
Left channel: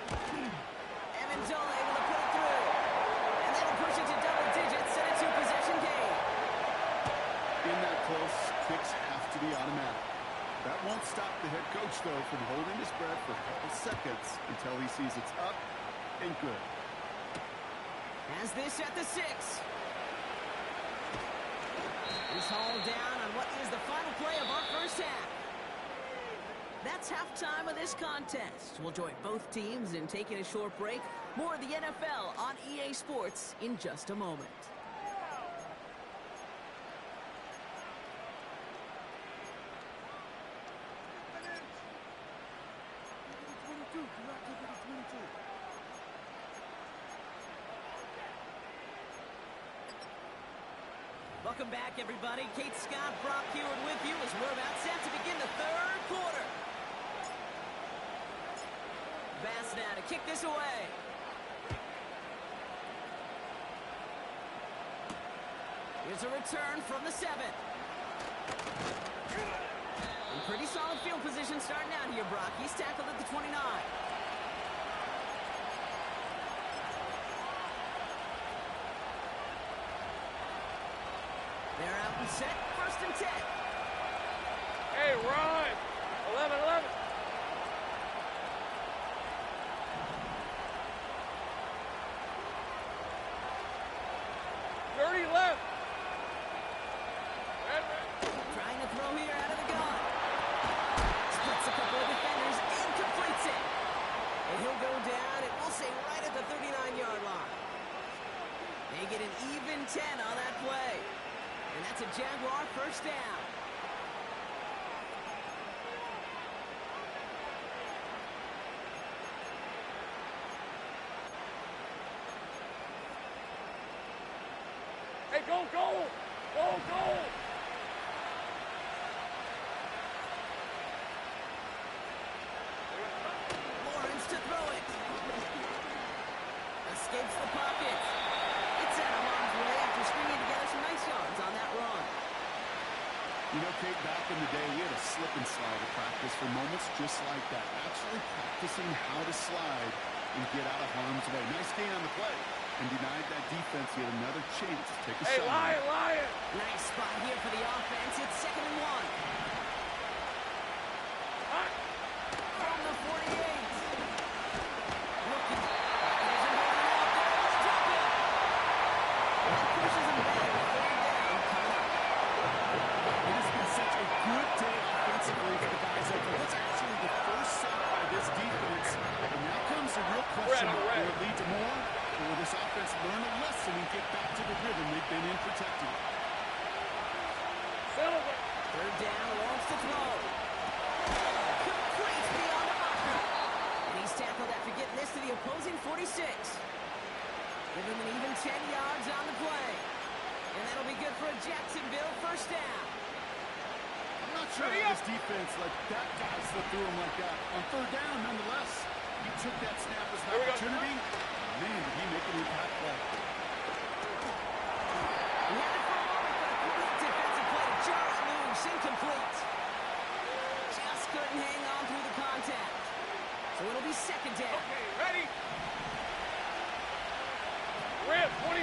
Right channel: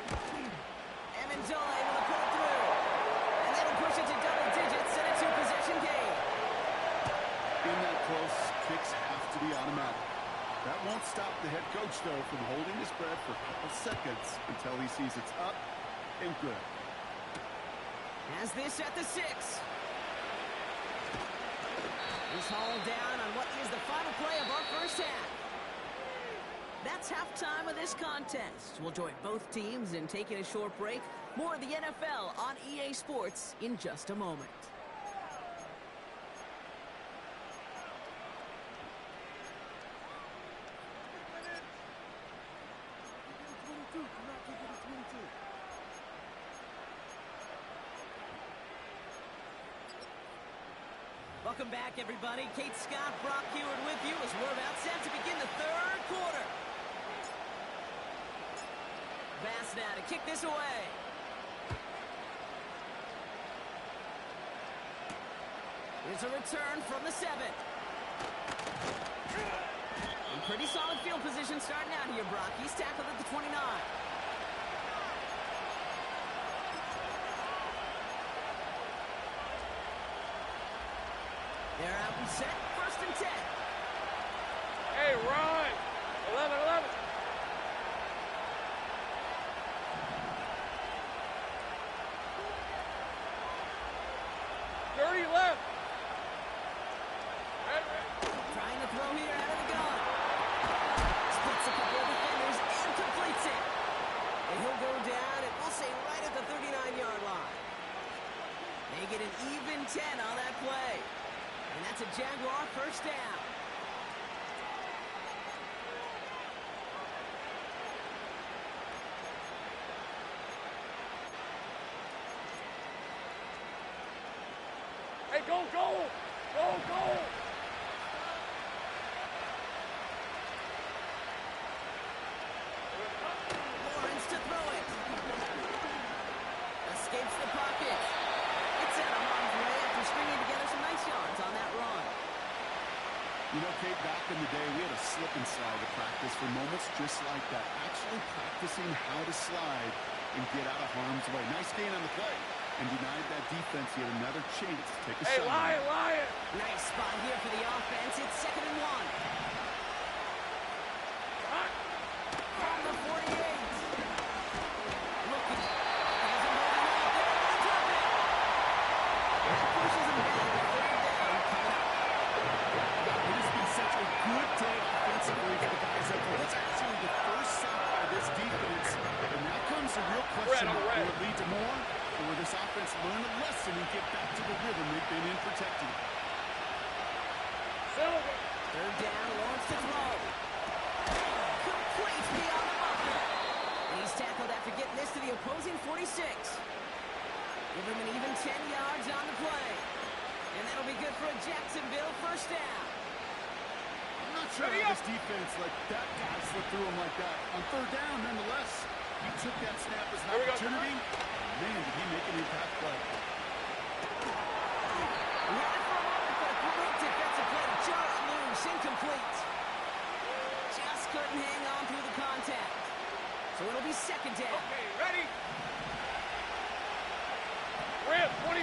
Amendola able to put it through. And that'll push it to double digits and a 2-possession game. In that close, kicks have to be automatic. That won't stop the head coach, though, from holding his breath for a couple seconds until he sees it's up and good. Has this at the 6. He's hauled down on what is the final play of our first half. That's halftime of this contest. We'll join both teams in taking a short break. More of the NFL on EA Sports in just a moment. Welcome back, everybody. Kate Scott, Brock Heward with you as we're about set to begin the 3rd quarter. Bass now to kick this away. Here's a return from the 7. In pretty solid field position starting out here, Brock. He's tackled at the 29. They're out and set. 1st and 10. Hey, run! 11. 30 left. Red. Trying to throw here out of the gun. Splits a couple of defenders and completes it. And he'll go down, and we'll say right at the 39-yard line. They get an even 10 on that play. And that's a Jaguar 1st down. Hey, go! Lawrence to throw it. Escapes the pocket. It's out of harm's way after stringing together some nice yards on that run. You know, Kate, back in the day, we had a slip and slide at practice for moments just like that. Actually practicing how to slide and get out of harm's way. Nice gain on the play. And denied that defense yet another chance to take a shot. Hey, Lion! Nice spot here for the offense. It's 2nd and 1. From the 48. Looking. Here's him holding out there. We'll drop it. That pushes him back. 3rd down coming up. It has been such a good day offensively for the guys up there. That's actually the first sack by this defense. And now comes the real question. Will it lead to more? Or will this offense learn a lesson and get back to the rhythm they've been in protecting? Silver. 3rd down, Lawrence to throw. Complete beyond the marker. And he's tackled after getting this to the opposing 46. Give him an even 10 yards on the play. And that'll be good for a Jacksonville 1st down. I'm not sure how this defense let that guy slip through him like that. On 3rd down, nonetheless, he took that snap as an opportunity. Man, did he make an impact play. He had it for a moment, but a great defensive play to jar it loose. Incomplete. Just couldn't hang on through the contact. So it'll be 2nd down. Okay, ready? Read 23.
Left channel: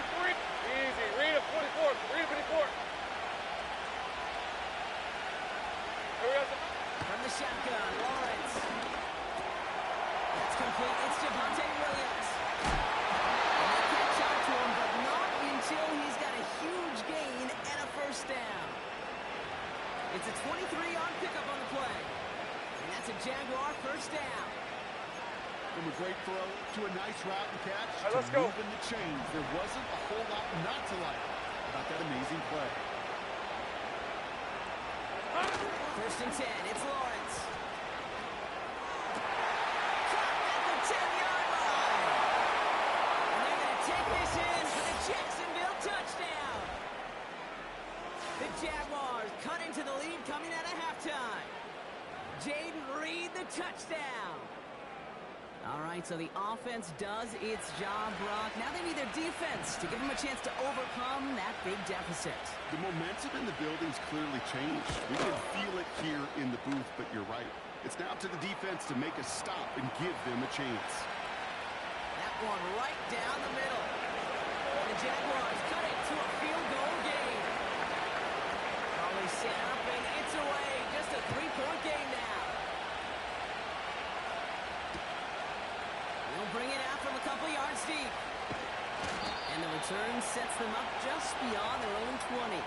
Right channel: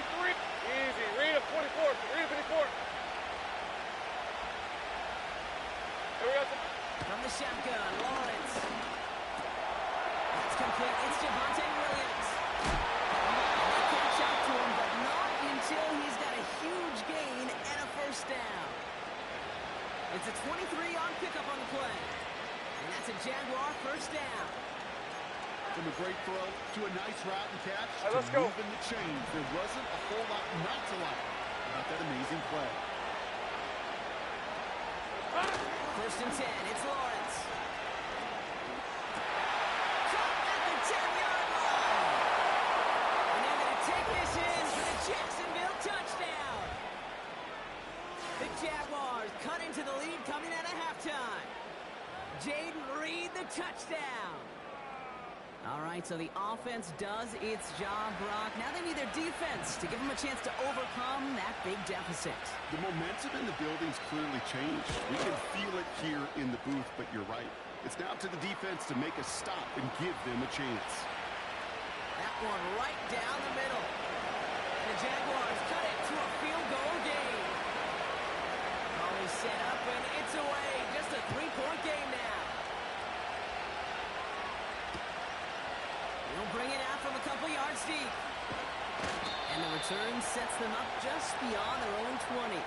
Easy. Read 24. Read 24. Here we go. From the shotgun, Lawrence. That's complete. It's Javonte Williams. And they catch up to him, but not until he's got a huge gain and a 1st down. It's a 23-yard pickup on the play. And that's a Jaguar 1st down. From a great throw to a nice route and catch right, let's to go. moving the chains. There wasn't a whole lot not to like about that amazing play. 1st and 10. It's Lawrence. Caught at the 10-yard line. And they're going to take this in for the Jacksonville touchdown. The Jaguars cut into the lead coming out of halftime. Jaden Reed, the touchdown. All right, so the offense does its job, Brock. Now they need their defense to give them a chance to overcome that big deficit. The momentum in the building's clearly changed. We can feel it here in the booth, but you're right. It's now to the defense to make a stop and give them a chance. That one right down the middle. And the Jaguars cut it to a field goal game. Always set up, and it's away. Just a three-point game now. They'll bring it out from a couple yards deep. And the return sets them up just beyond their own 20.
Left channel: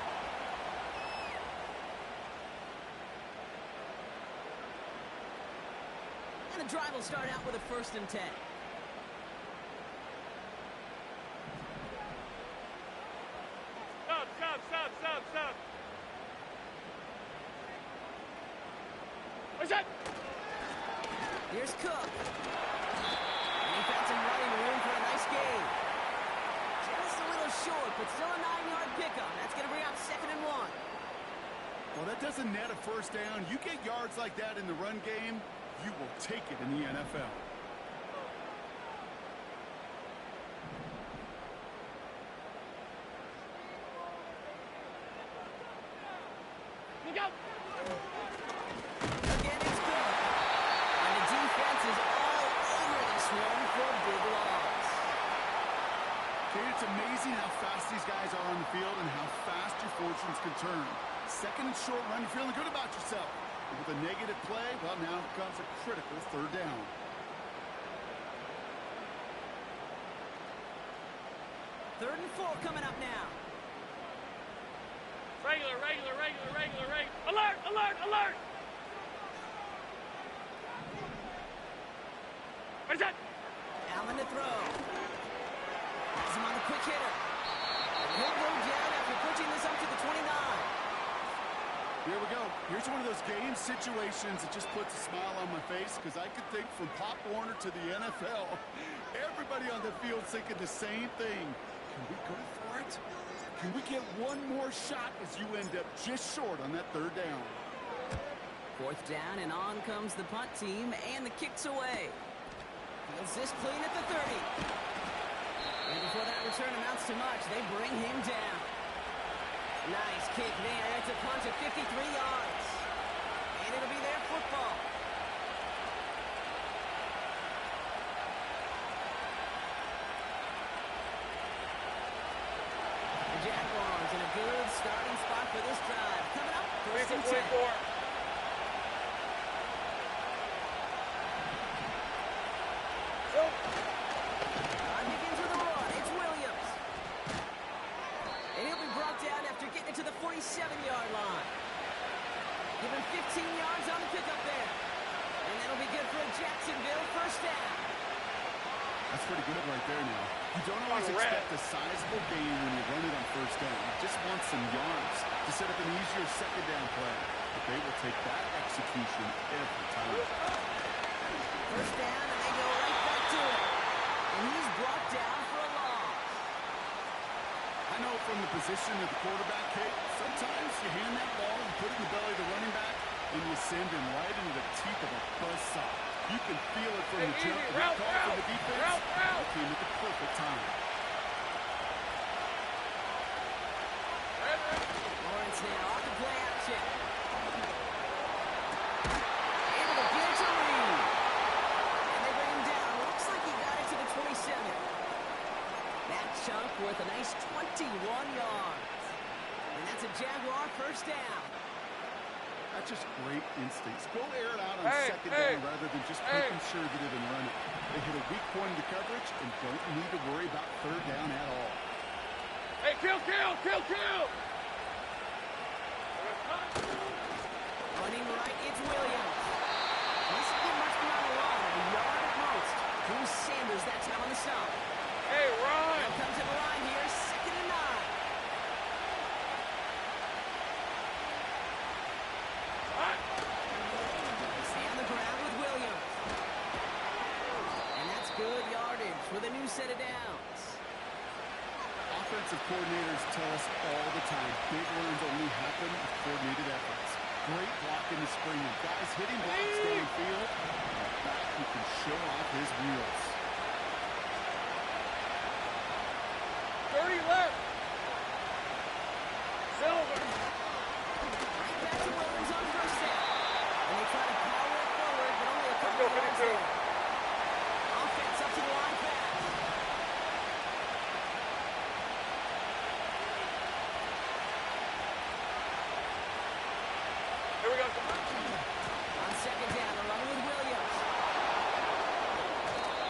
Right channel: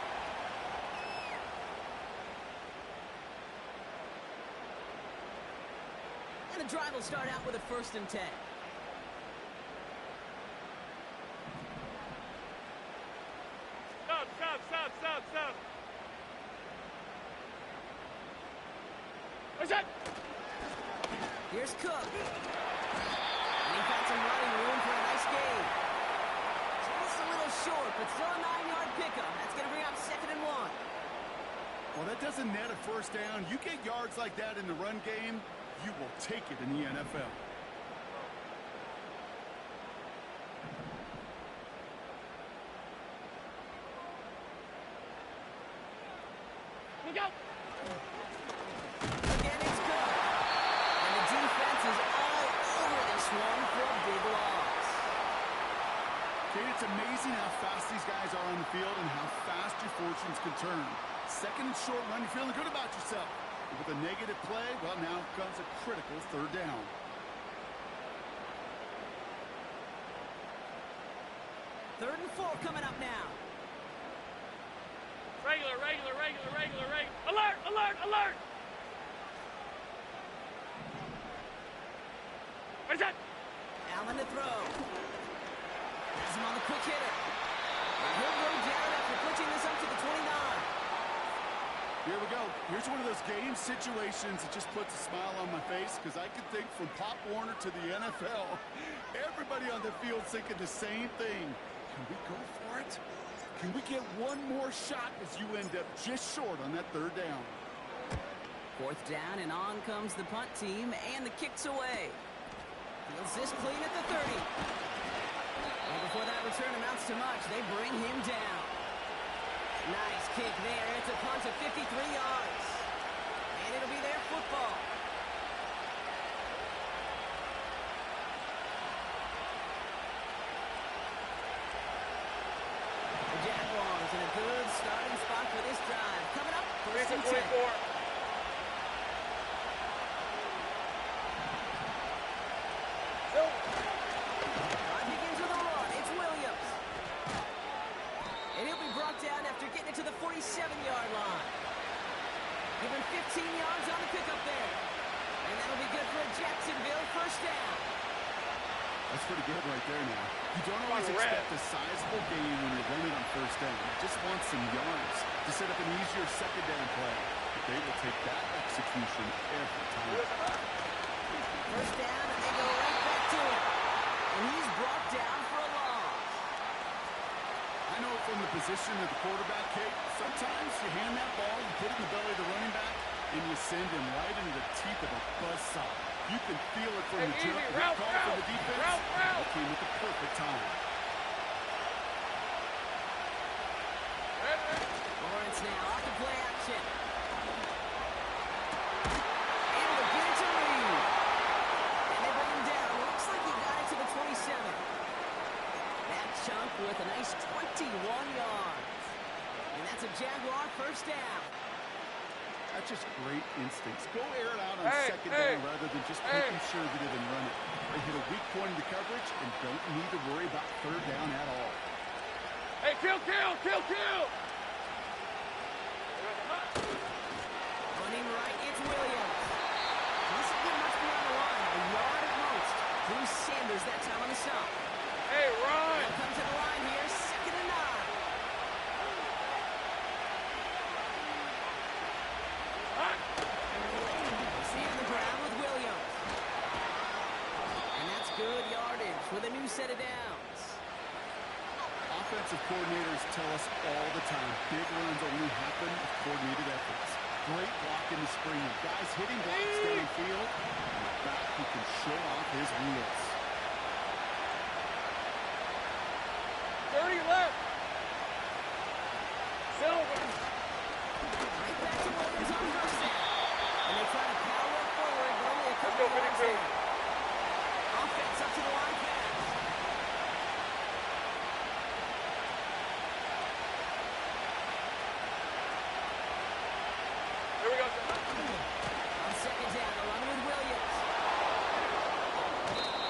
And the drive will start out with a 1st and 10. Stop. What's that? Here's Cook. And he found some running room for a nice gain. Just a little short, but still a 9-yard pickup. That's going to bring up 2nd and 1. Well, that doesn't net a first down. You get yards like that in the run game, you will take it in the NFL. Look out! Again, it's Cook. And the defense is all over this one for a big loss. Kate, it's amazing how fast these guys are on the field and how fast your fortunes can turn. 2nd and short run, you're feeling good about yourself. But with a negative play, well, now comes a critical 3rd down. Third and 4 coming up now. Regular. Alert! What's that? Allen to throw. Has him on the quick hitter. And he'll go down after pushing this up to the 29. Here we go. Here's one of those game situations that just puts a smile on my face because I could think from Pop Warner to the NFL. Everybody on the field thinking the same thing. Can we go for it? Can we get one more shot as you end up just short on that 3rd down? 4th down, and on comes the punt team, and the kick's away. Fields this clean at the 30. And before that return amounts to much, they bring him down. Nice kick there. It's a punt of 53 yards. And it'll be their football. The Jaguars in a good starting spot for this drive. Coming up, 1st and 10. 24. Drive begins with a run. It's Williams. And he'll be brought down after getting it to the 47-yard line. Give him 15 yards on the pickup there. And that'll be good for a Jacksonville 1st down. That's pretty good right there now. You don't always expect a sizable gain when you run it on 1st down. You just want some yards to set up an easier 2nd down play. But they will take that execution every time. 1st down, and they go right back to it. And he's brought down for a loss. I know from the position of the quarterback, Kate, sometimes you hand that ball, you put it in the belly of the running back, and you send him right into the teeth of a buzzsaw. You can feel it from the jump. That call from the defense it came at the perfect time. Lawrence now off the play action. Able to get it to Reed. And they bring him down. Looks like he got it to the 27. That chunk worth a nice 21 yards. And that's a Jaguar 1st down. That's just great instincts. Go air it out on 2nd down rather than just play conservative and run it. They hit a weak point in the coverage and don't need to worry about 3rd down at all. Hey, kill! Running right, it's Williams. He doesn't get much beyond the line, a yard at most. Bruce Sanders that time on the stop. Hey, run! They'll come to the line here, 2nd and 9. They stay on the ground with Williams. And that's good yardage with a new set of downs. Offensive coordinators tell us all the time, big runs only happen with coordinated efforts. Great block in the spring. Guys hitting blocks downfield. And a back who can show off his wheels. 30 left. Silver. Right back to Williams on first down. And they try to power it forward, but only a Let's couple go, of yards 52. there. Offense up to the line fast. Here we go. On second down, they're running with Williams.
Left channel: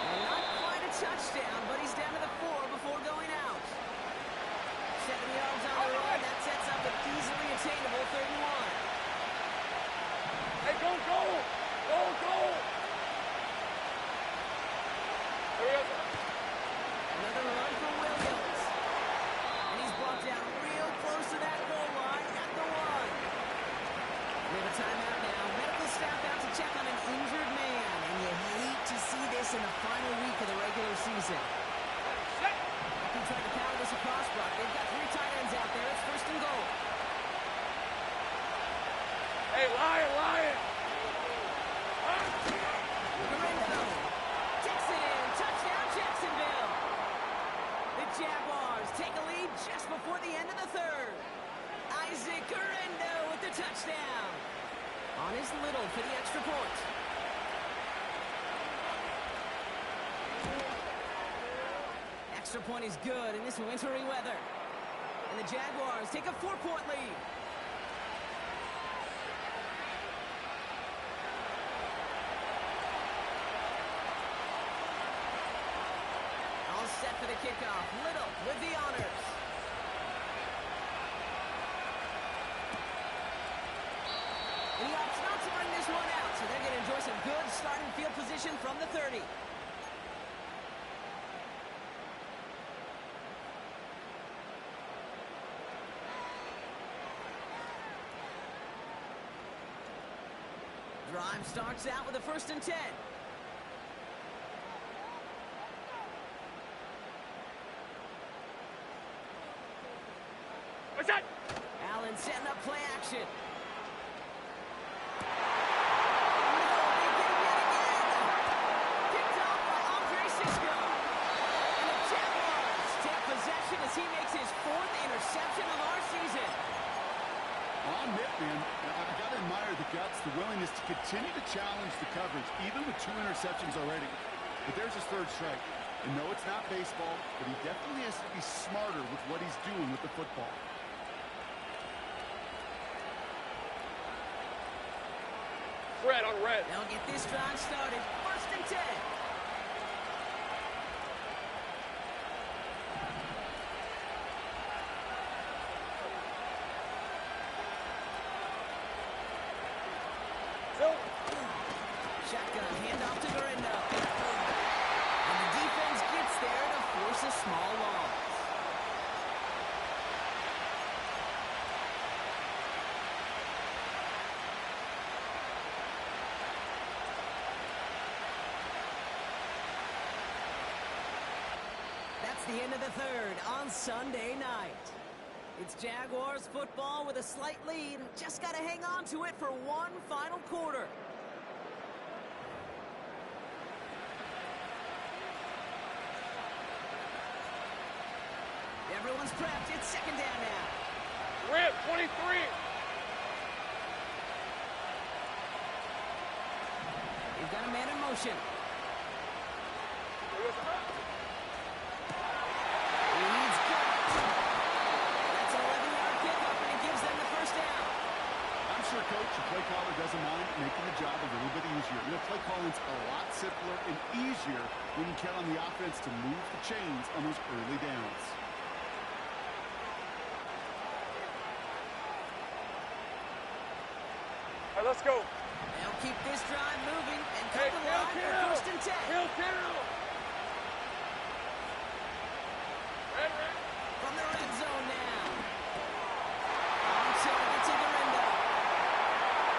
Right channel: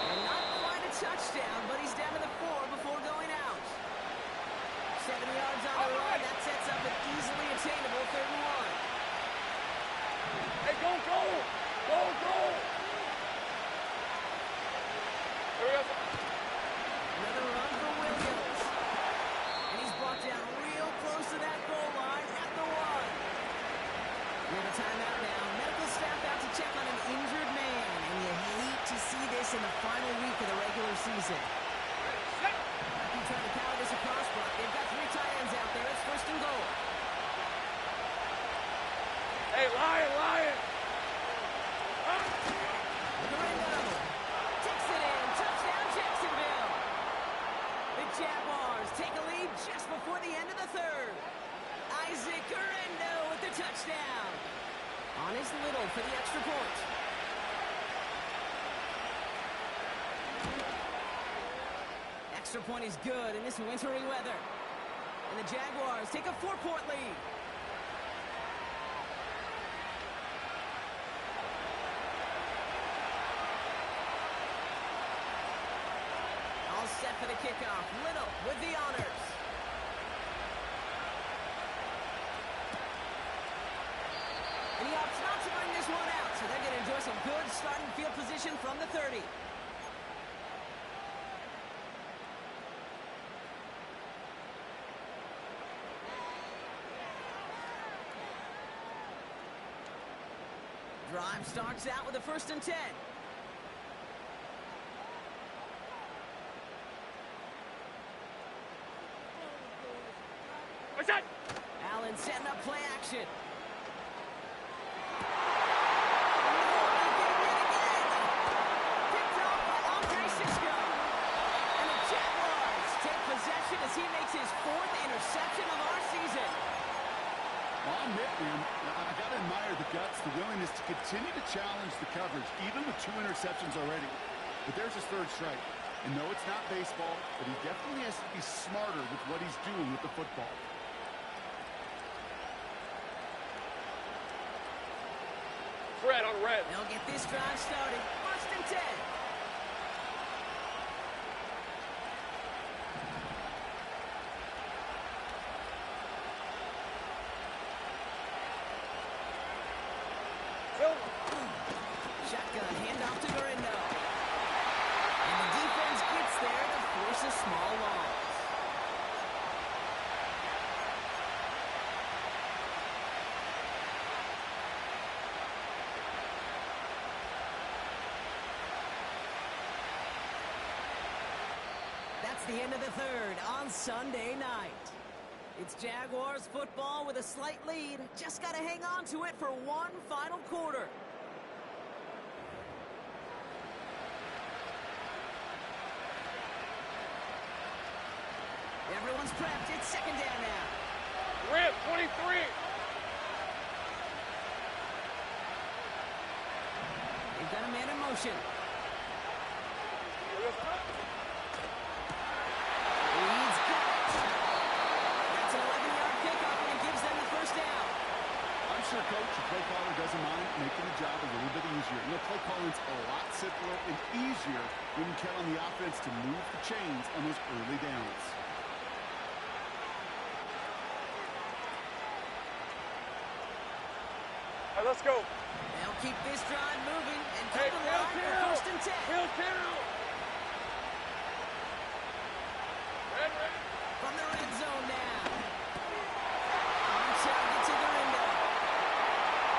And not quite a touchdown, but he's down to the 4 before going out. 7 yards on the run. That sets up an easily attainable 3rd and 1. Hey, go, go. Go, go. Here we go. Another run for Williams. And he's brought down real close to that goal line at the 1. We have a timeout now. Medical staff out to check on an injured man. And you hate to see this in the final week of the regular season. Ready, set. He tried to power this across, Brock. They've got 3 tight ends out there. It's 1st and goal. Hey, Lion, Lion. Guerrero takes it in. Touchdown, Jacksonville. The Jaguars take a lead just before the end of the 3rd. Isaac Guerrero with the touchdown. On his little for the extra point. Extra point is good in this wintry weather. And the Jaguars take a 4-point lead. All set for the kickoff. Little with the honors. And he opts not to bring this one out, so they're going to enjoy some good starting field position from the 30. Drive starts out with a 1st and 10. What's that? Allen setting up play action. As he makes his 4th interception of our season. On Mitt, man, I got to admire the guts, the willingness to continue to challenge the coverage, even with 2 interceptions already. But there's his 3rd strike. And no, it's not baseball, but he definitely has to be smarter with what he's doing with the football. Fred on red. They'll get this drive started. 1st and 10. Shotgun, handoff to Guerrero. And the defense gets there to force a small loss. That's the end of the 3rd on Sunday night. It's Jaguars football with a slight lead. Just got to hang on to it for one final quarter. Everyone's prepped. It's 2nd down now. Rip, 23. They've got a man in motion. Here we go. He's got it. That's an 11-yard kickoff, and it gives them the 1st down. I'm sure Coach, the play caller, doesn't mind making the job a little bit easier. You know, play calling's a lot simpler and easier when you count on the offense to move the chains on those early downs. All right, let's go. They'll keep this drive moving and come Hey, to the line for 1st and 10. Hill, down. Red, red. From the red zone now. On target to Guerrero.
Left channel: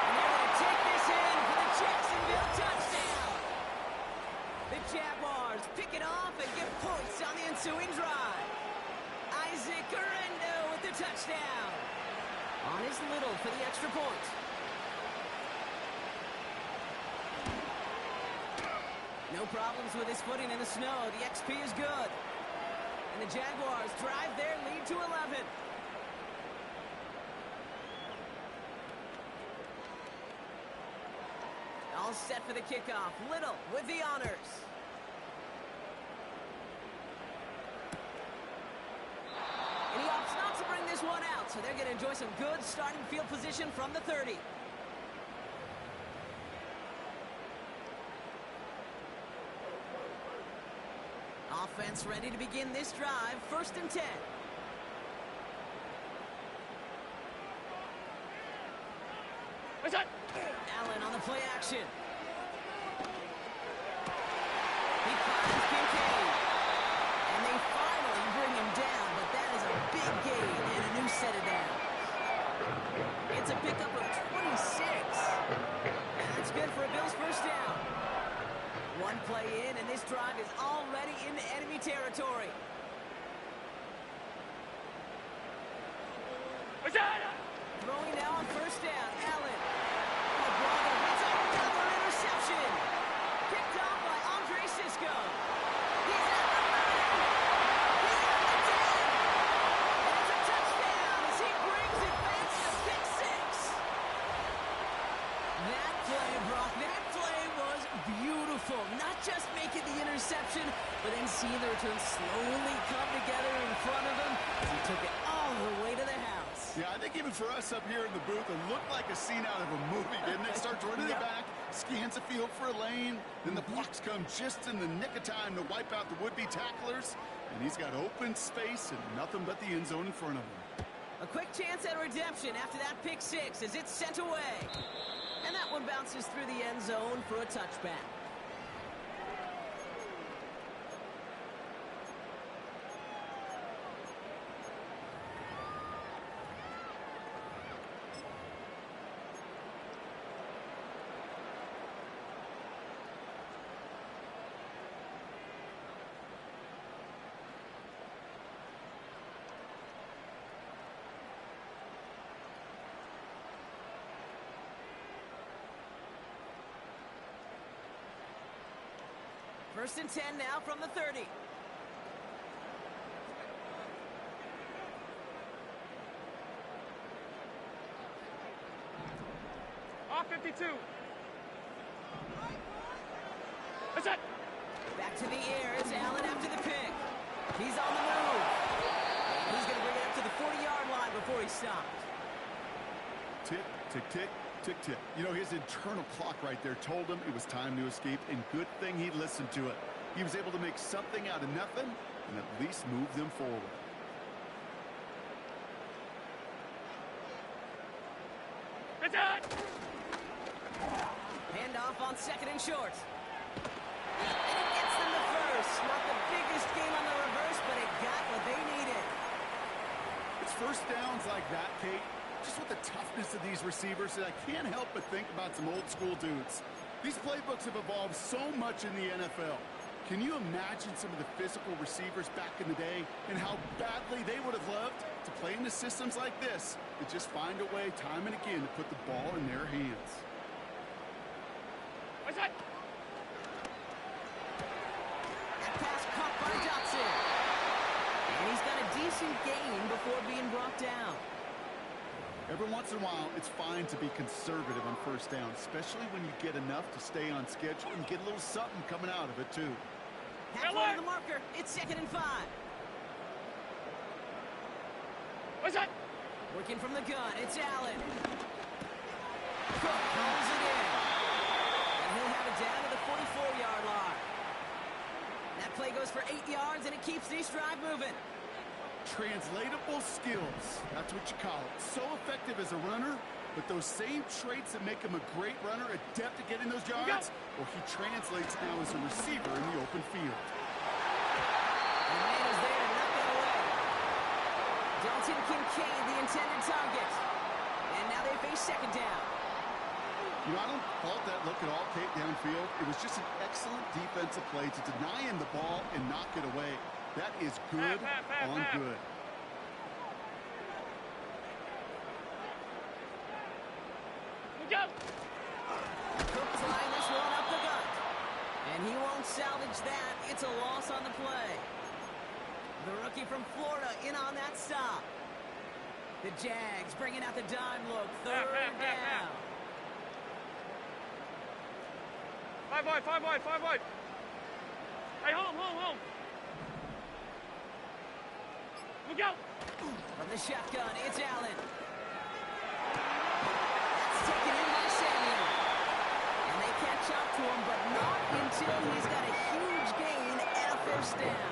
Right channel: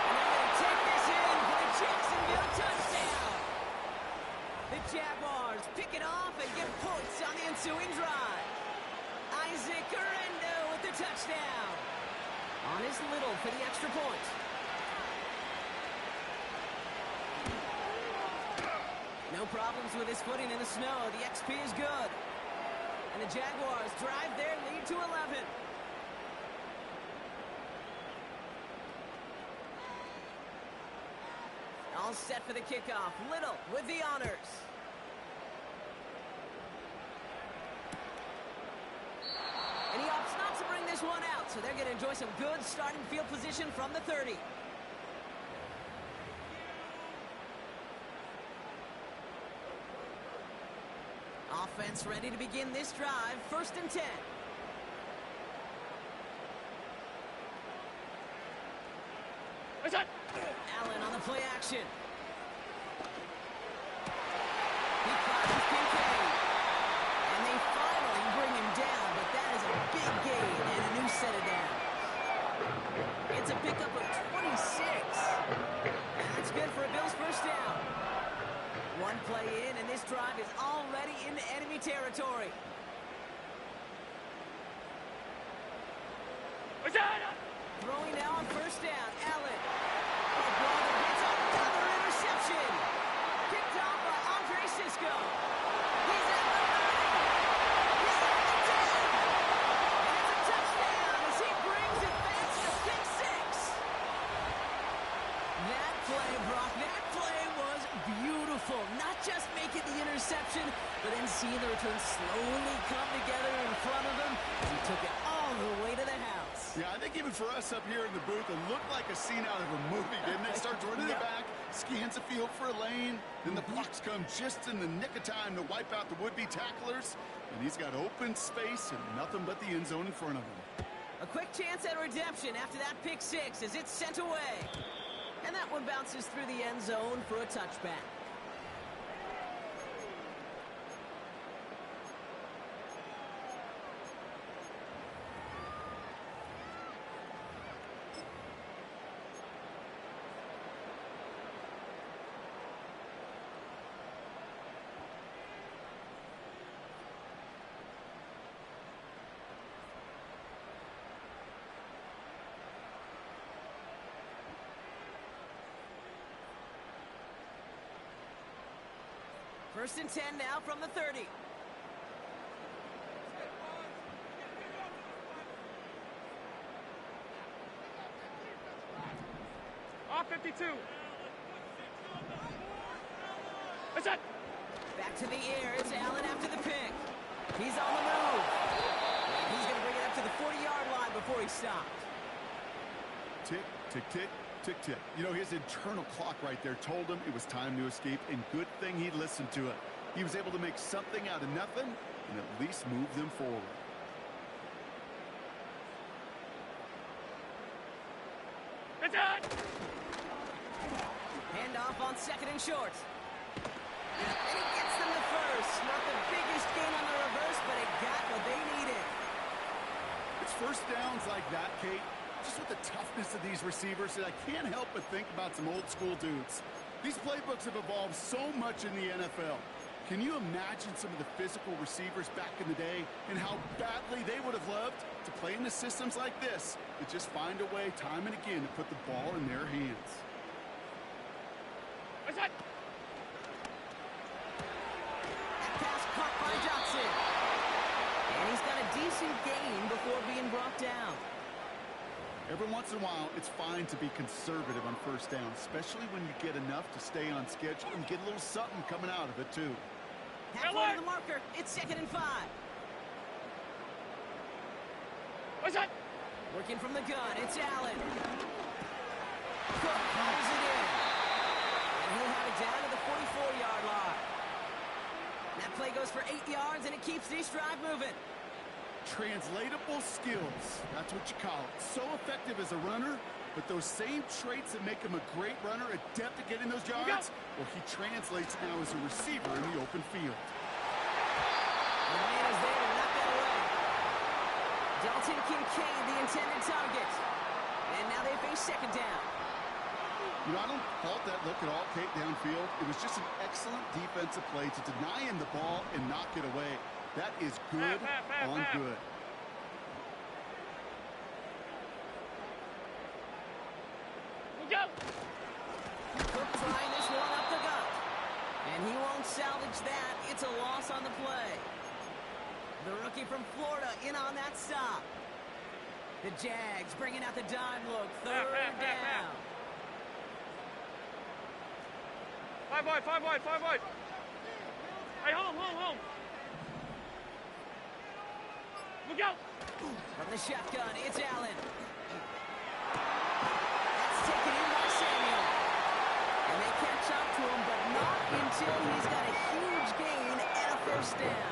And they're going to take this in for the Jacksonville touchdown. The Jaguars pick it off and get points on the ensuing drive. Isaac Guerrero with the touchdown. On his little for the extra point. No problems with his footing in the snow. The XP is good. And the Jaguars drive their lead to 11. All set for the kickoff. Little with the honors. And he opts not to bring this one out, so they're going to enjoy some good starting field position from the 30. Offense ready to begin this drive. 1st and 10. Allen on the play action. He finds Kincaid. And they finally bring him down, but that is a big gain and a new set of downs. It's a pickup of 26. That's good for a Bills 1st down. One play in, and this drive is already into enemy territory. Throwing now on 1st down, Allen. Oh, brother, it's another interception. Picked off by Andre Sisco. He's at the 30. He's at the 10. And it's a touchdown as he brings it back to the pick 6. That play, Brock, that play was beautiful. Not just making the interception, but then seeing the return slowly come together in front of him as he took it all the way to the house. Yeah, I think even for us up here in the booth, it looked like a scene out of a movie, didn't it? Starts running the back, scans the field for a lane, then the blocks come just in the nick of time to wipe out the would-be tacklers, and he's got open space and nothing but the end zone in front of him. A quick chance at redemption after that pick 6 as it's sent away. And that one bounces through the end zone for a touchback. First and 10 now from the 30. Off 52. That's it. Back to the air. It's Allen after the pick. He's on the move. And he's going to bring it up to the 40-yard line before he stops. Tick, tick, tick. Tick, tick. You know, his internal clock right there told him it was time to escape, and good thing he listened to it. He was able to make something out of nothing and at least move them forward. That's it. Handoff on 2nd and short. And he gets them the first. Not the biggest gain on the reverse, but it got what they needed. It's 1st downs like that, Kate, just with the toughness of these receivers, that I can't help but think about some old school dudes. These playbooks have evolved so much in the NFL. Can you imagine some of the physical receivers back in the day and how badly they would have loved to play in the systems like this that just find a way time and again to put the ball in their hands? What's that? That pass caught by Johnson. And he's got a decent gain before being brought down. Every once in a while, it's fine to be conservative on 1st down, especially when you get enough to stay on schedule and get a little something coming out of it, too. Halfway to the marker. It's 2nd and 5. What's that? Working from the gun. It's Allen. Cook calls it in. And he'll have it down to the 44-yard line. That play goes for 8 yards, and it keeps this drive moving. Translatable skills, that's what you call it. So effective as a runner, but those same traits that make him a great runner, adept at getting those yards, well, he translates now as a receiver in the open field. And the man is there to knock that away. Dalton Kincaid, the intended target. And now they face 2nd down. You know, I don't fault that look at all, Kate, downfield. It was just an excellent defensive play to deny him the ball and knock it away. That is good on good. Go. Cook trying this one up the gut. And he won't catch that. It's a loss on the play. The rookie from Florida in on that stop. The Jags bringing out the dime look. Third down. 5 wide, 5 wide, 5 wide. Hey, home. Look out. From the shotgun, it's Allen. That's taken in by Samuel. And they catch up to him, but not until he's got a huge gain and a first down.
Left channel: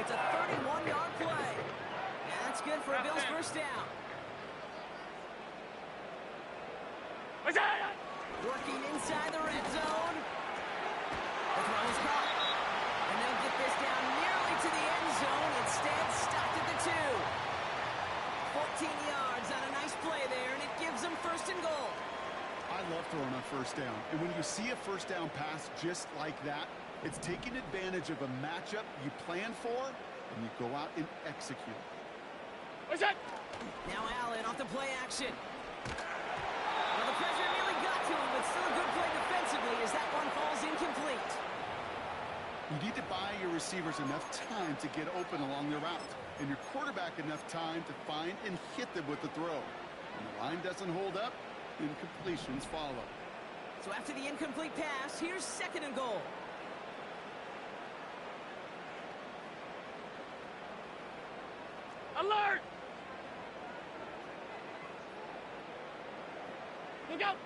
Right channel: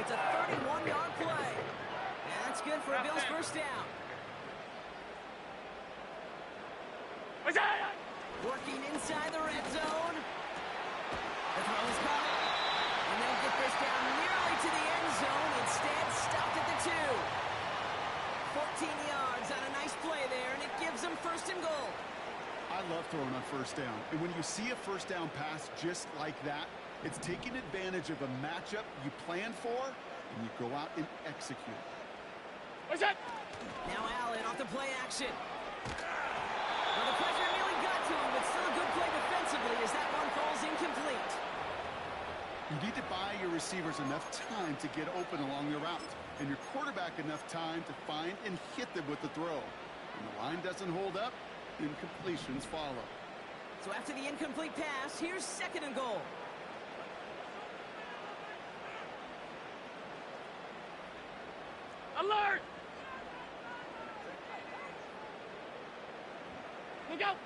It's a 31-yard play. And that's good for a Bills first down. Working inside the red zone. The throw is caught. And they'll get this down nearly to the end zone. Instead, stopped at the 2. 14 yards on a nice play there, and it gives them first and goal. I love throwing on first down. And when you see a first down pass just like that, it's taking advantage of a matchup you planned for, and you go out and execute. What's that? Now Allen off the play action. Well, the pressure nearly got to him, but still a good play defensively as that one falls incomplete. You need to buy your receivers enough time to get open along their route, and your quarterback enough time to find and hit them with the throw. When the line doesn't hold up, incompletions follow. So after the incomplete pass, here's second and goal. Alert! Look out!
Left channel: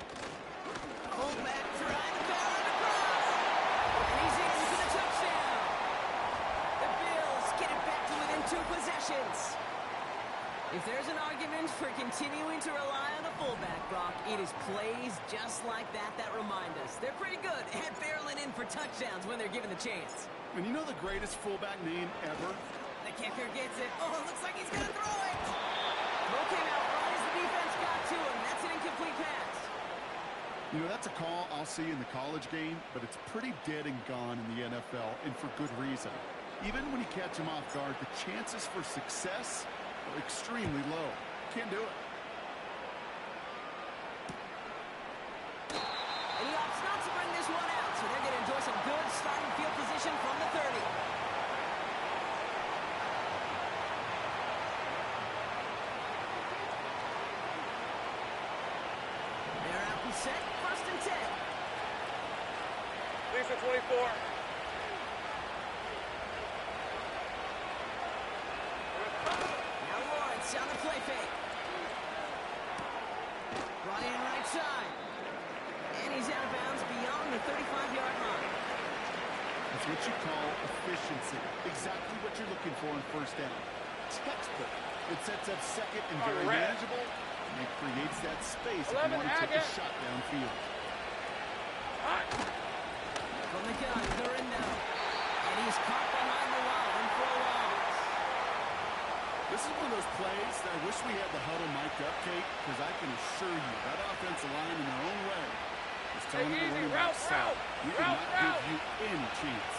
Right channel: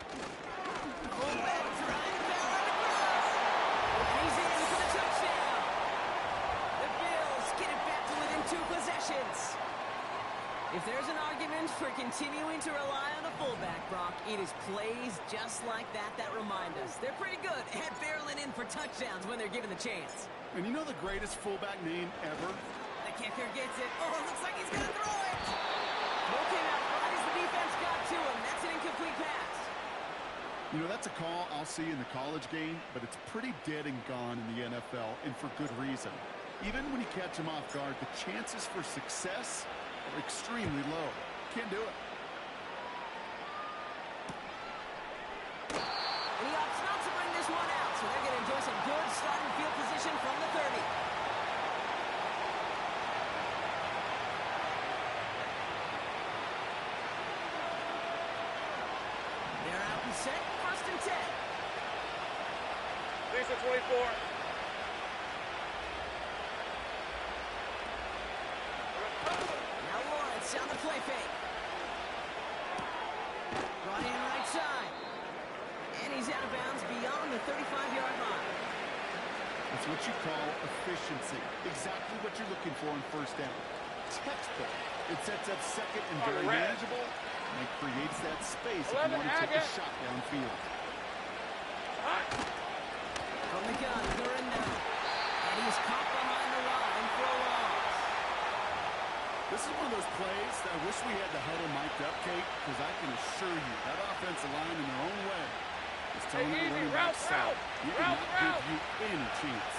Fullback trying to power it across. And he's in for the touchdown. The Bills get it back to within 2 possessions. If there's an argument for continuing to rely on a fullback, Brock, it is plays just like that that remind us. They're pretty good at barreling in for touchdowns when they're given the chance. And you know the greatest fullback name ever? The kicker gets it. Oh, looks like he's going to throw it. Throw came out right as the defense got to him. That's an incomplete pass. You know, that's a call I'll see in the college game, but it's pretty dead and gone in the NFL, and for good reason. Even when you catch him off guard, the chances for success are extremely low. Can't do it. And he opts not to bring this one out, so they're going to enjoy some good starting field position from the 30. They're out and set, first and 10. Lisa 24. Now Lawrence on the play fake. Brought in right side. And he's out of bounds beyond the 35-yard line. That's what you call efficiency. Exactly what you're looking for on first down. Textbook. It sets up second and very manageable, and it creates that space if you want to take a shot downfield. From the gun, Gurindo. And he's caught behind the line for a loss. This is one of those plays that I wish we had the huddle mic'd up, Kate, because I can assure you that offensive line in their own way is telling the running back south. You cannot give you any chance.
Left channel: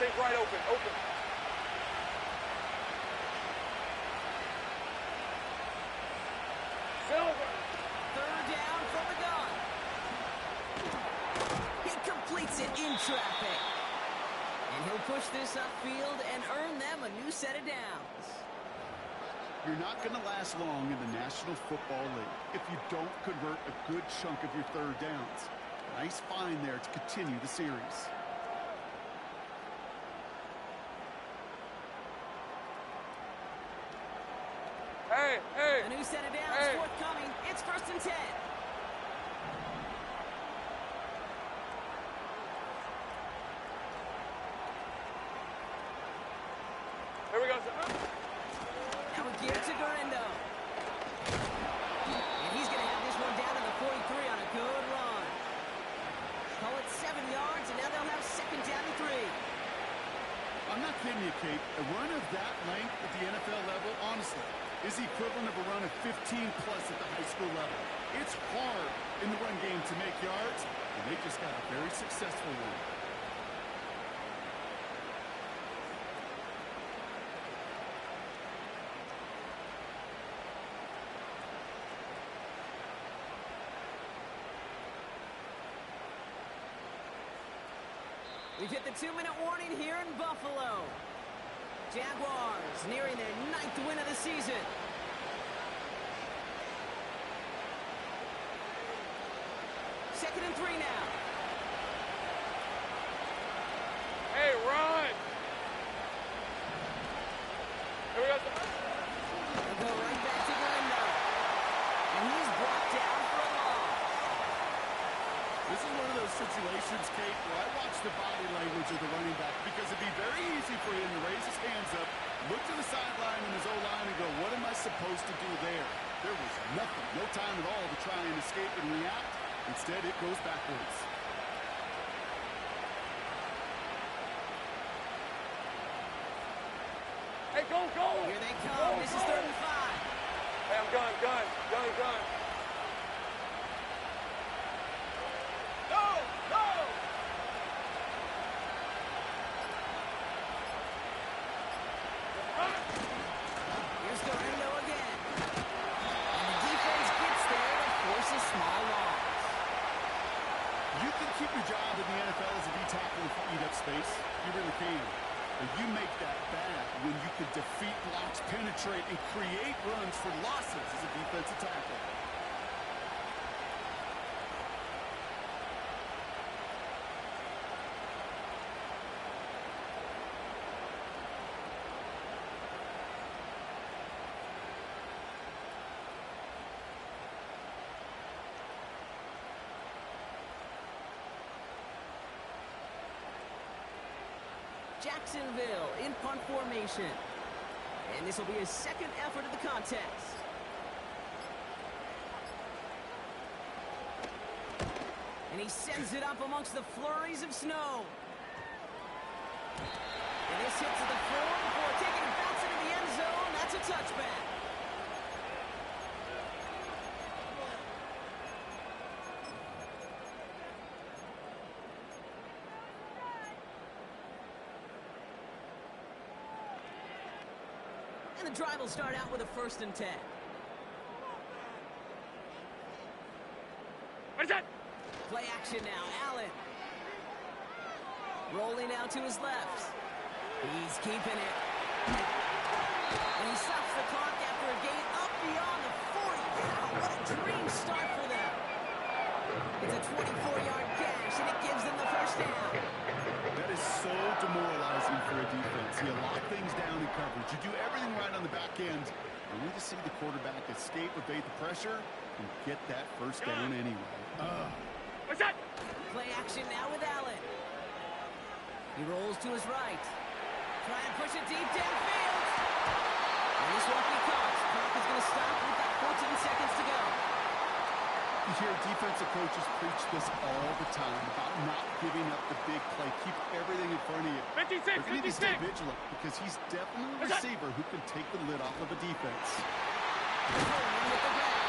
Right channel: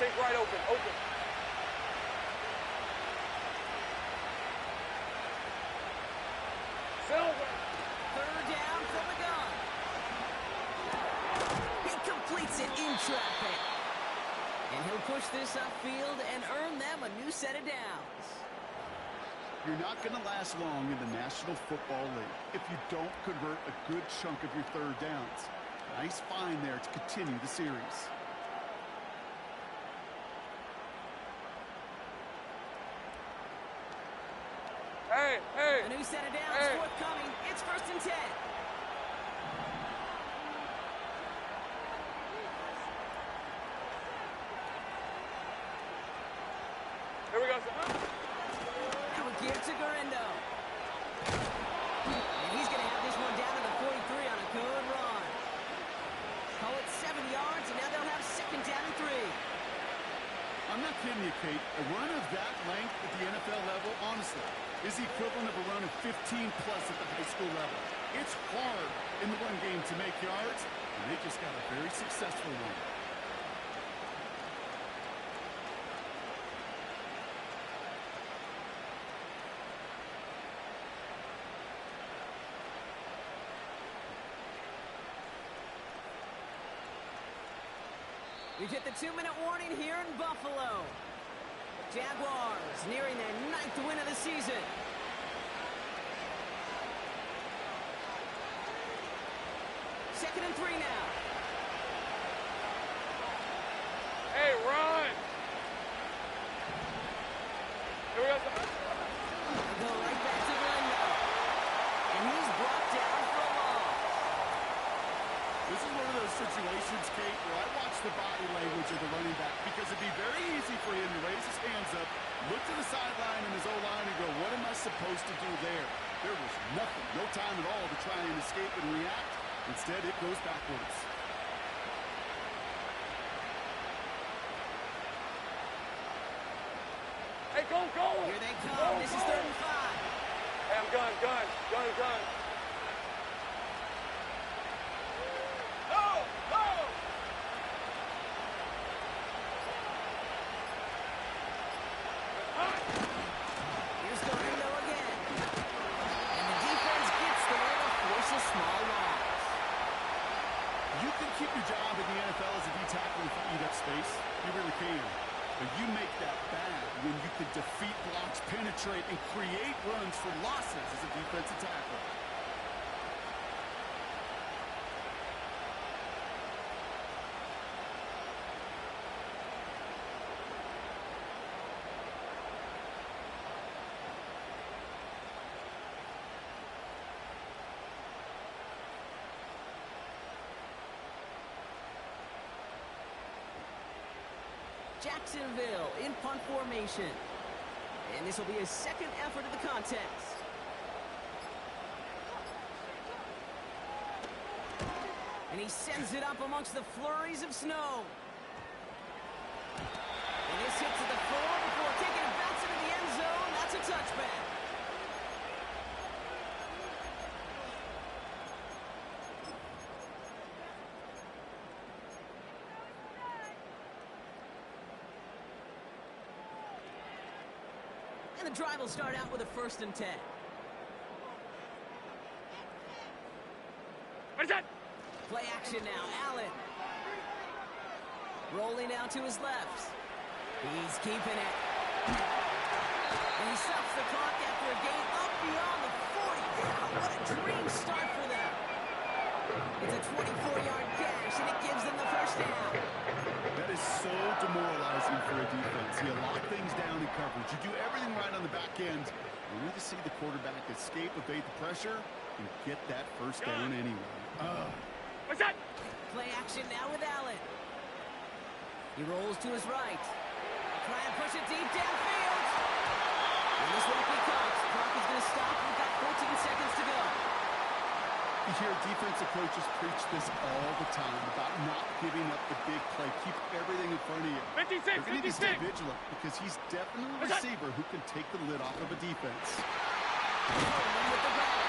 Take right open. Silver. Third down from the gun. He completes it in traffic. And he'll push this upfield and earn them a new set of downs. You're not going to last long in the National Football League if you don't convert a good chunk of your third downs. Nice find there to continue the series. Hey. A new set of downs forthcoming. It's first and 10. Here we go, son. Now a gear to Gurindo. And he's going to have this one down to the 43 on a good run. Call it 7 yards, and now they'll have second down and 3. I'm not kidding you, Kate. A run of that length at the NFL level, honestly, is the equivalent of a run of 15-plus at the high school level. It's hard in the run game to make yards, and they just got a very successful one. We've hit the 2-minute warning here in Buffalo. Jaguars nearing their 9th win of the season. Second and 3 now. Hey, run! Here we go. They'll go right back to Glendo. And he's brought down for a loss. This is one of those situations, Kate, where I watch the body language of the running back because it'd be very easy for him to raise his hands up, look to the sideline and his O-line and go, what am I supposed to do there? There was nothing, no time at all to try and escape and react. Instead, it goes backwards. Hey, go! Here they come. This is 3rd and 5. Hey, I'm gun. Go! Here's Glendo again. And the defense gets there to force a small loss. You can keep your job in the NFL as a D-tackle if you eat up space. You really can. But you make that bad when you can defeat blocks, penetrate, and create runs for losses as a defensive tackle. Jacksonville in punt formation. And this will be his 2nd effort of the contest. And he sends it up amongst the flurries of snow. And this hits at the floor before taking it bounce into the end zone. That's a touchback. And the drive will start out with a 1st and 10. What is that? Play action now, Allen. Rolling out to his left. He's keeping it. And he stops the clock after a gain up beyond the 40. Wow, what a dream start for them. It's a 24-yard gash, and it gives them the 1st down. That is so demoralizing for a defense. You lock things down in coverage. You do everything right on the back end, only to see the quarterback escape, evade the pressure, and get that 1st down anyway. What's that? Play action now with Allen. He rolls to his right. Try and push it deep downfield. And this won't be caught. Clock is going to stop. We've got 14 seconds to go. You hear defensive coaches preach this all the time about not giving up the big play. Keep everything in front of you. 56, They're going to need to stay 56. vigilant because he's definitely a receiver who can take the lid off of a defense. Coleman with the grab.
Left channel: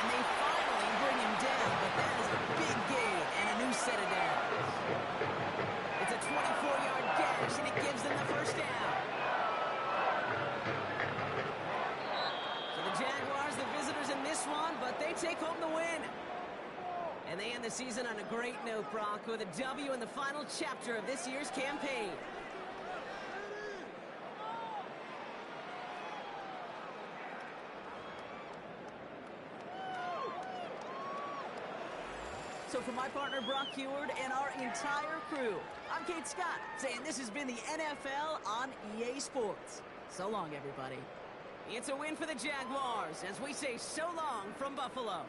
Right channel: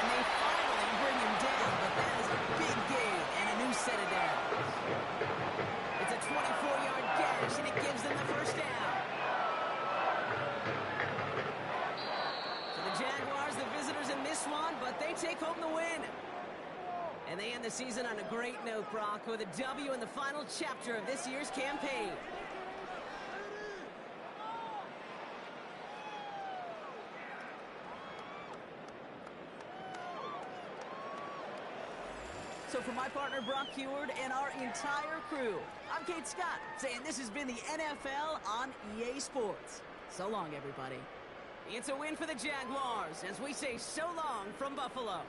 And they finally bring him down, but that is a big gain and a new set of downs. It's a 24-yard gash, and it gives them the 1st down. So the Jaguars, the visitors in this one, but they take home the win. And they end the season on a great note, Brock, with a W in the final chapter of this year's campaign. So for my partner, Brock Heward, and our entire crew, I'm Kate Scott, saying this has been the NFL on EA Sports. So long, everybody. It's a win for the Jaguars as we say so long from Buffalo.